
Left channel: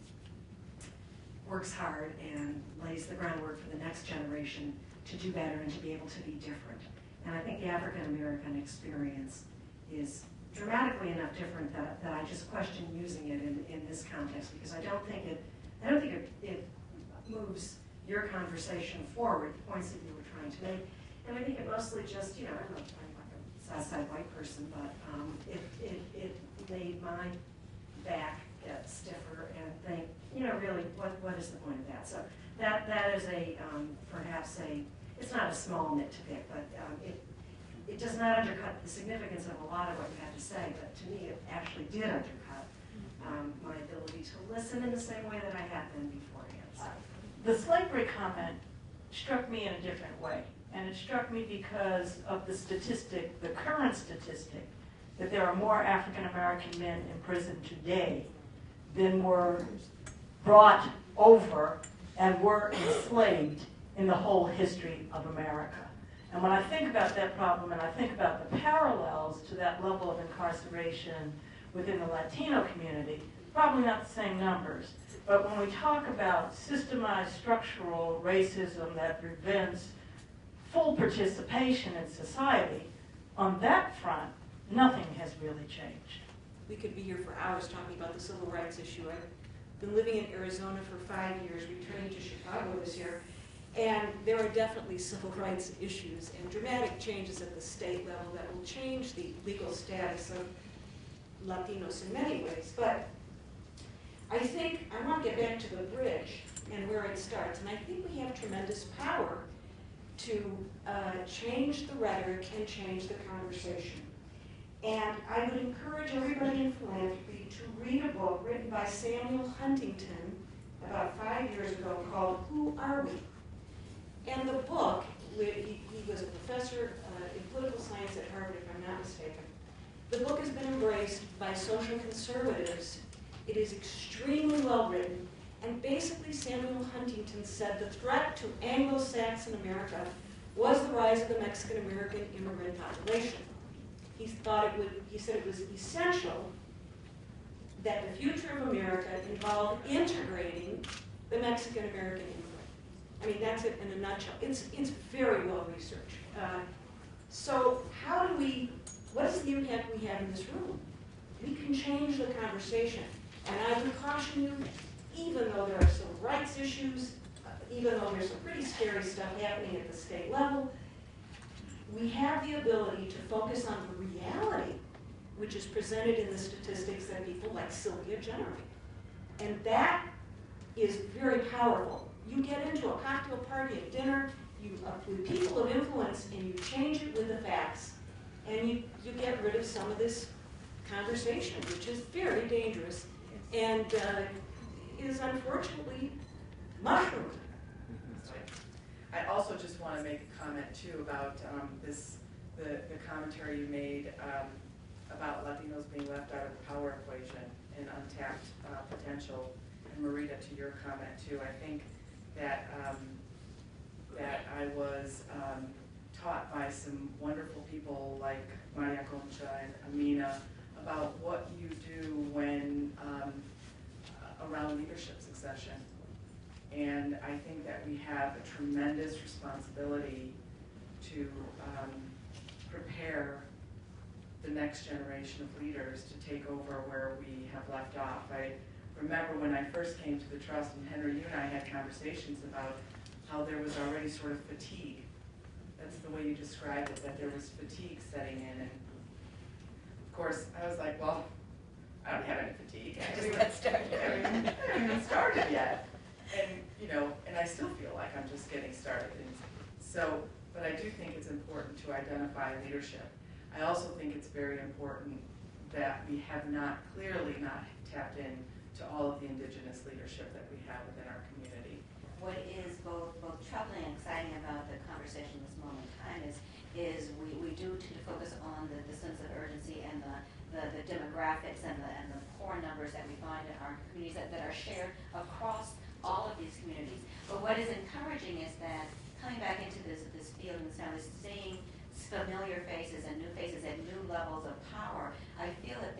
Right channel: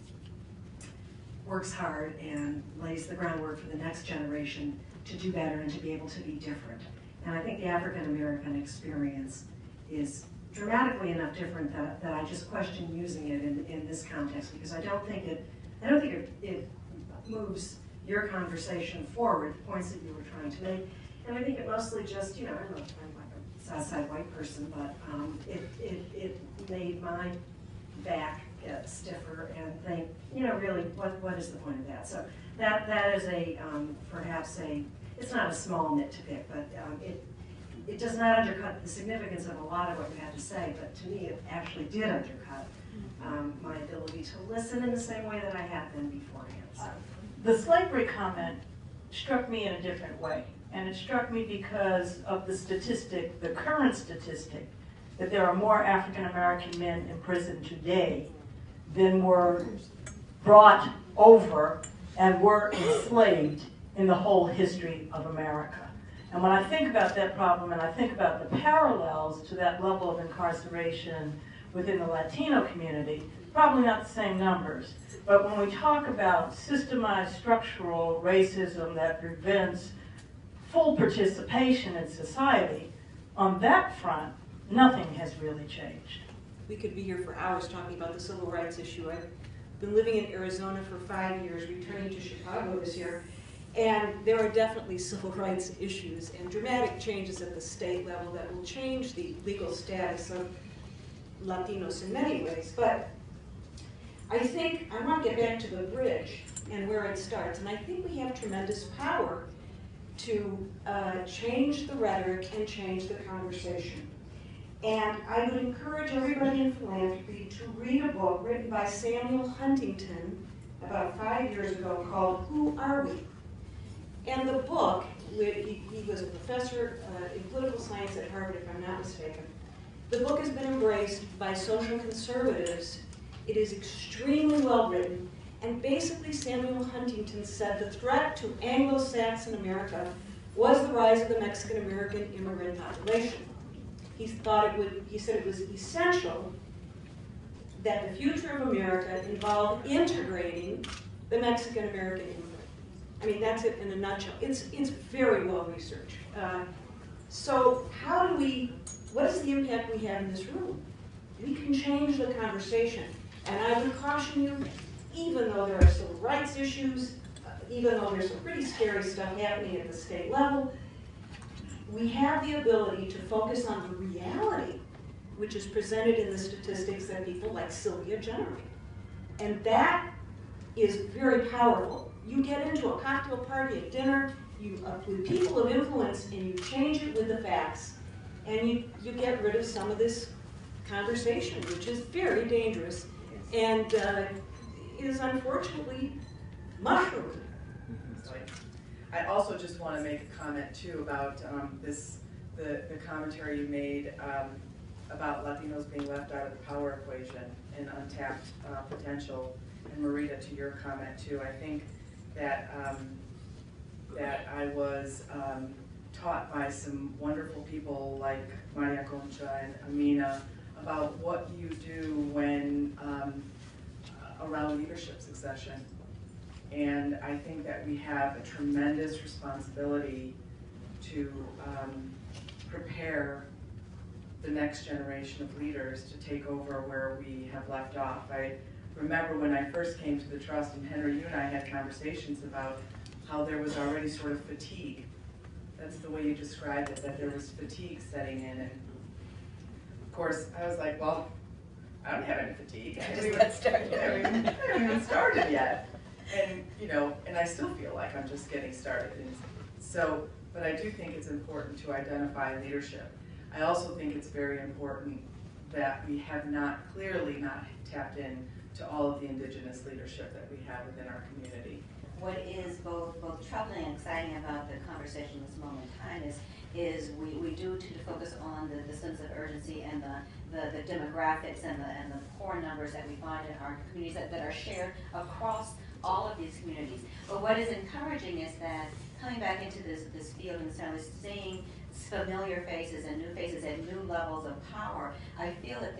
works hard and lays the groundwork for the next generation to do better and to be able to be different. And I think the African American experience is dramatically enough different that I just question using it in this context, because I don't think it moves your conversation forward, the points that you were trying to make. And I think it mostly just, you know, I'm like a Southside white person, but it made my back get stiffer and think, you know, really, what is the point of that? So that is perhaps it's not a small nit to pick, but it does not undercut the significance of a lot of what you had to say, but to me it actually did undercut my ability to listen in the same way that I had been beforehand. So. The slavery comment struck me in a different way, and it struck me because of the statistic, the current statistic, that there are more African American men in prison today than were brought over and were enslaved in the whole history of America. And when I think about that problem and I think about the parallels to that level of incarceration within the Latino community, probably not the same numbers, but when we talk about systemized structural racism that prevents full participation in society, on that front, nothing has really changed. We could be here for hours talking about the civil rights issue. I've been living in Arizona for 5 years, returning to Chicago this year, and there are definitely civil rights issues and dramatic changes at the state level that will change the legal status of Latinos in many ways. But I think I want to get back to the bridge and where it starts, and I think we have tremendous power to change the rhetoric and change the conversation. And I would encourage everybody in philanthropy to read a book written by Samuel Huntington about 5 years ago called Who Are We? And the book, he was a professor in political science at Harvard, if I'm not mistaken. The book has been embraced by social conservatives. It is extremely well written, and basically Samuel Huntington said the threat to Anglo-Saxon America was the rise of the Mexican-American immigrant population. He said it was essential that the future of America involved integrating the Mexican-American immigrant. I mean, that's it in a nutshell. It's very well researched. So what is the impact we have in this room? We can change the conversation. And I would caution you, even though there are civil rights issues, even though there's some pretty scary stuff happening at the state level, we have the ability to focus on the reality, which is presented in the statistics that people like Sylvia generate. And that is very powerful. You get into a cocktail party at dinner, with people of influence, and you change it with the facts, and you get rid of some of this conversation, which is very dangerous and is unfortunately mushroomed. I also just want to make a comment too about the commentary you made about Latinos being left out of the power equation and untapped potential. And Marita, to your comment too, I think that that I was taught by some wonderful people like Maria Concha and Amina about what you do when around leadership succession. And I think that we have a tremendous responsibility to prepare the next generation of leaders to take over where we have left off. I remember when I first came to the trust, and Henry, you and I had conversations about how there was already sort of fatigue. That's the way you described it, that there was fatigue setting in. And of course, I was like, well, I don't have any fatigue. I just got started. I haven't even started yet. And, you know, and I still feel like I'm just getting started. And so, but I do think it's important to identify leadership. I also think it's very important that we have not tapped in to all of the indigenous leadership that we have within our community. What is both troubling and exciting about the conversation this moment in time is we do tend to focus on the sense of urgency and the demographics and the poor numbers that we find in our communities that are shared across all of these communities. But what is encouraging is that coming back into this field and seeing familiar faces and new faces at new levels of power, I feel that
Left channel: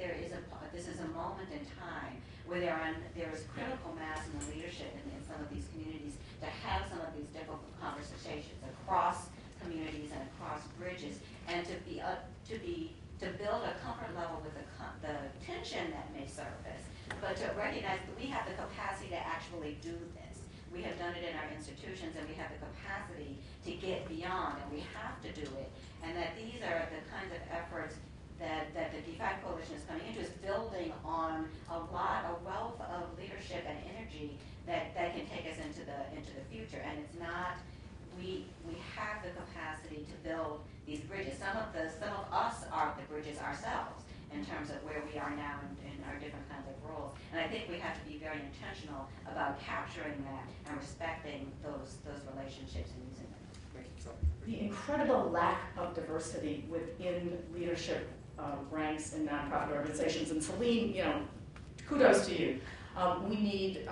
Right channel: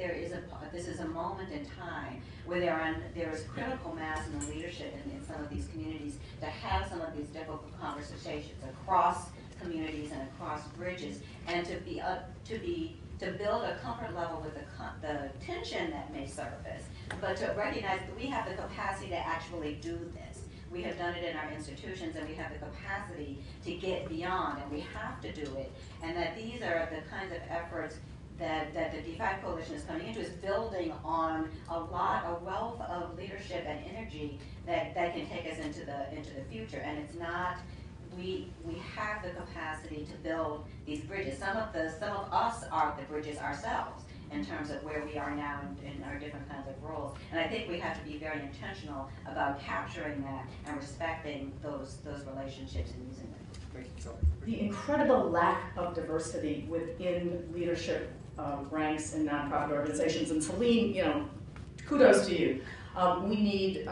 this is a moment in time where there is critical mass in the leadership in some of these communities to have some of these difficult conversations across communities and across bridges, and to build a comfort level with the tension that may surface, but to recognize that we have the capacity to actually do this. We have done it in our institutions, and we have the capacity to get beyond, and we have to do it. And that these are the kinds of efforts that the DeFi Coalition is coming into, is building on a wealth of leadership and energy that can take us into the future. And it's not, we have the capacity to build these bridges. Some of us are the bridges ourselves in terms of where we are now in our different kinds of roles. And I think we have to be very intentional about capturing that and respecting those relationships and using them. The incredible lack of diversity within leadership ranks in nonprofit organizations. And Celine, you know, kudos to you. We need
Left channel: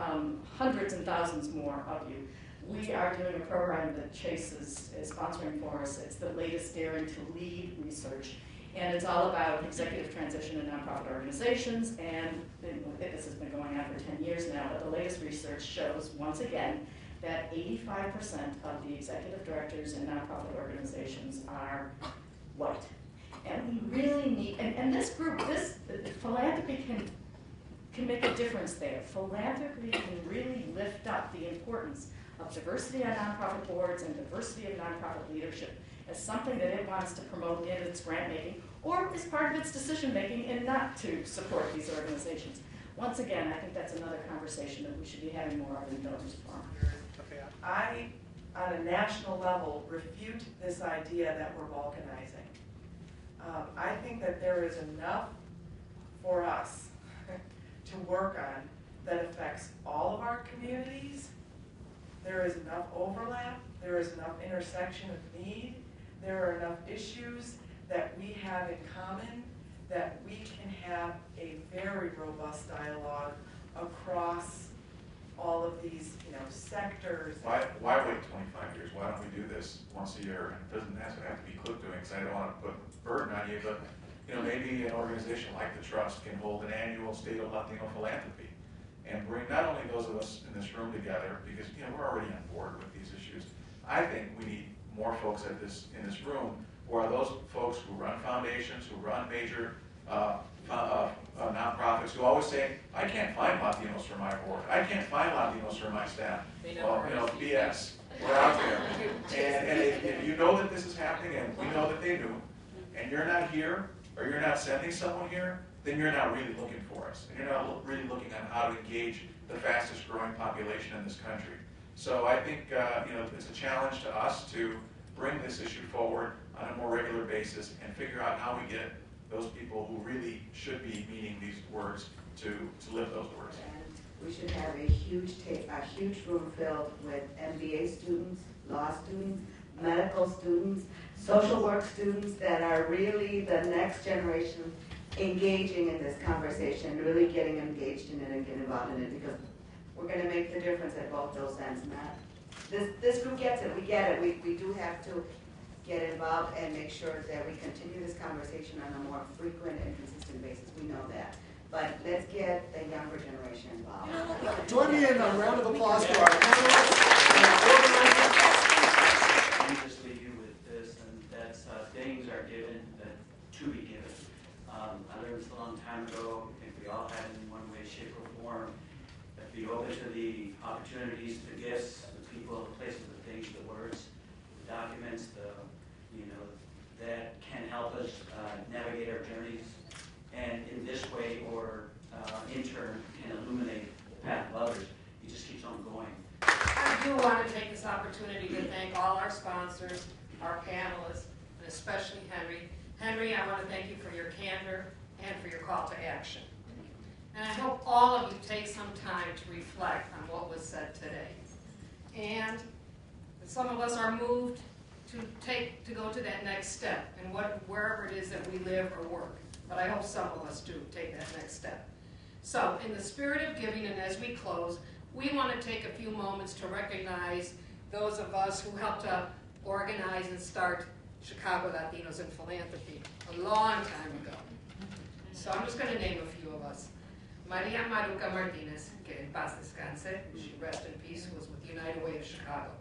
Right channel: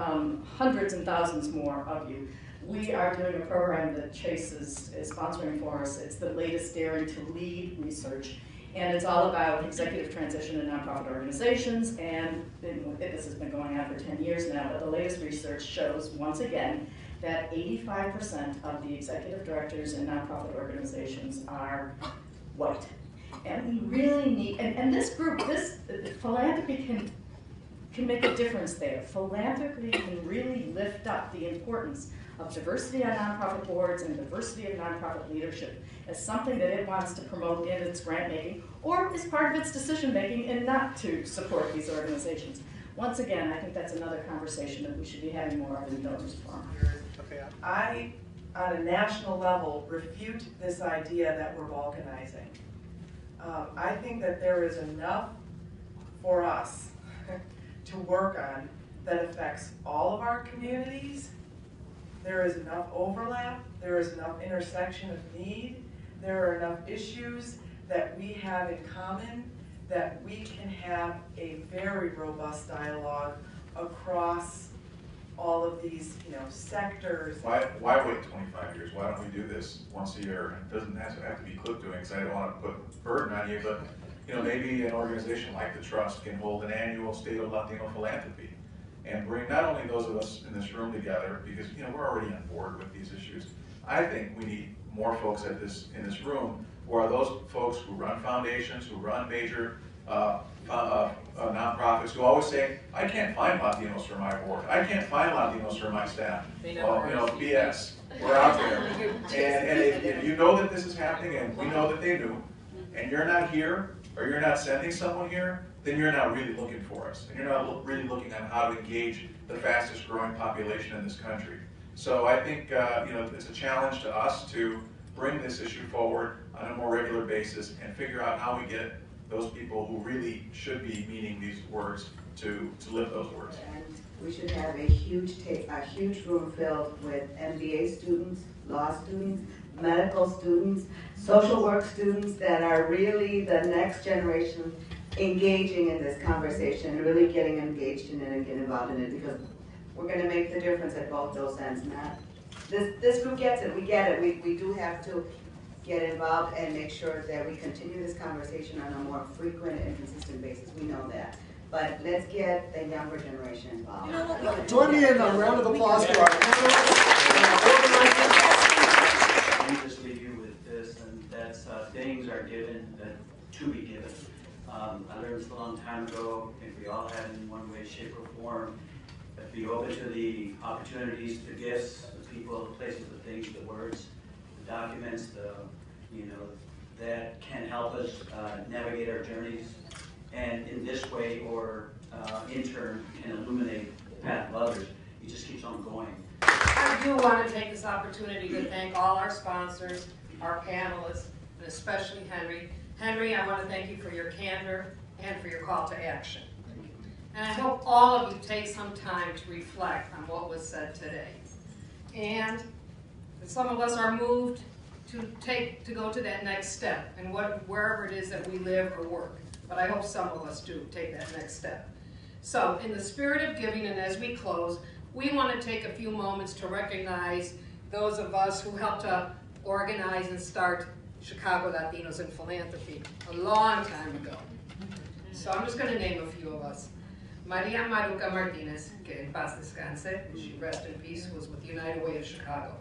hundreds and thousands more of you. We are doing a program that Chase is sponsoring for us. It's the latest Daring to Lead research. And it's all about executive transition in nonprofit organizations. And this has been going on for 10 years now. But the latest research shows, once again, that 85% of the executive directors in nonprofit organizations are white. And we really need, and this group, philanthropy can make a difference there. Philanthropy can really lift up the importance of diversity on nonprofit boards and diversity of nonprofit leadership as something that it wants to promote in its grant making or as part of its decision making and not to support these organizations. Once again, I think that's another conversation that we should be having more of in Donors Forum. I, on a national level, refute this idea that we're balkanizing. I think that there is enough for us to work on that affects all of our communities. There is enough overlap, there is enough intersection of need, there are enough issues that we have in common that we can have a very robust dialogue across all of these, you know, sectors. Why wait 25 years? Why don't we do this once a year? And it doesn't have to be clip doing, because I don't want to put a burden on you, but you know, maybe an organization like the Trust can hold an annual State of Latino Philanthropy and bring not only those of us in this room together, because you know we're already on board with these issues. I think we need more folks in this room who are those folks who run foundations, who run major nonprofits, who always say, I can't find Latinos for my board. I can't find Latinos for my staff. Well, you know, BS. We're out there. And if you know that this is happening, and we know that they do, and you're not here, or you're not sending someone here, then you're not really looking for us. And you're not really looking on how to engage the fastest growing population in this country. So I think you know, it's a challenge to us to bring this issue forward on a more regular basis and figure out how we get those people who really should be meaning these words to live those words. And we should have a huge room filled with MBA students, law students, medical students, social work students that are really the next generation engaging in this conversation, really getting engaged in it and getting involved in it, because we're going to make the difference at both those ends. This group gets it. We get it. We do have to get involved and make sure that we continue this conversation on a more frequent and consistent basis. We know that. But let's get the younger generation involved. Join me in a round of applause for our panelists and our organizers. Let me just leave you with this, and that's things are given to be given. I learned this a long time ago. I think we all have in one way, shape, or form. Be open to the opportunities, the gifts, the people, the places, the things, the words, the documents, that can help us navigate our journeys, and in this way, or in turn, can illuminate the path of others. It just keeps on going. I do want to take this opportunity to thank all our sponsors, our panelists, and especially Henry. Henry, I want to thank you for your candor and for your call to action. And I hope all of you take some time to reflect on what was said today. And some of us are moved to go to that next step, and wherever it is that we live or work. But I hope some of us do take that next step. So, in the spirit of giving, and as we close, we want to take a few moments to recognize those of us who helped to organize and start Chicago Latinos in Philanthropy a long time ago. So I'm just going to name a few of us. Maria Maruca Martinez, que en paz descanse, she rest in peace, was with United Way of Chicago.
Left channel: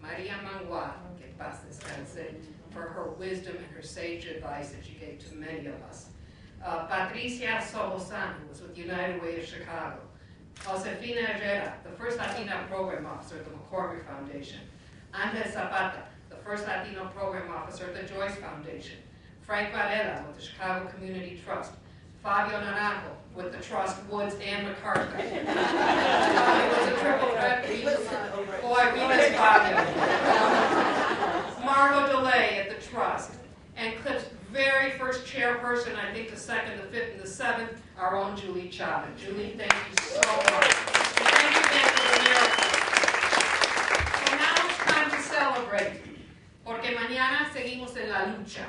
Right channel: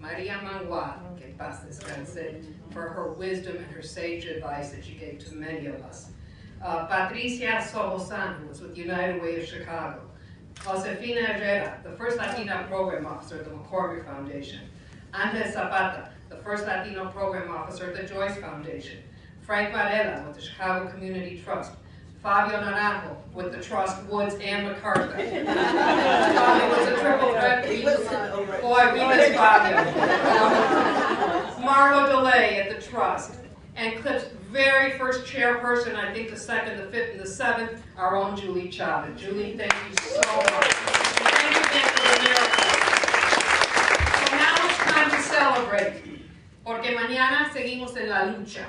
Maria Mangua, que en paz descanse, for her wisdom and her sage advice that she gave to many of us. Patricia Sobosan, who was with United Way of Chicago. Josefina Herrera, the first Latina program officer at the McCormick Foundation. Andres Zapata, the first Latino program officer at the Joyce Foundation. Frank Varela with the Chicago Community Trust. Fabio Naranjo with the Trust, Woods, and MacArthur. Fabio was a triple threat. Boy, we miss Fabio. Margot DeLay at the Trust. And CLIP's very first chairperson, I think the second, the fifth, and the seventh, our own Julie Chavez. Julie, thank you so much. And thank you again for the miracle. So now it's time to celebrate. Porque mañana seguimos en la lucha.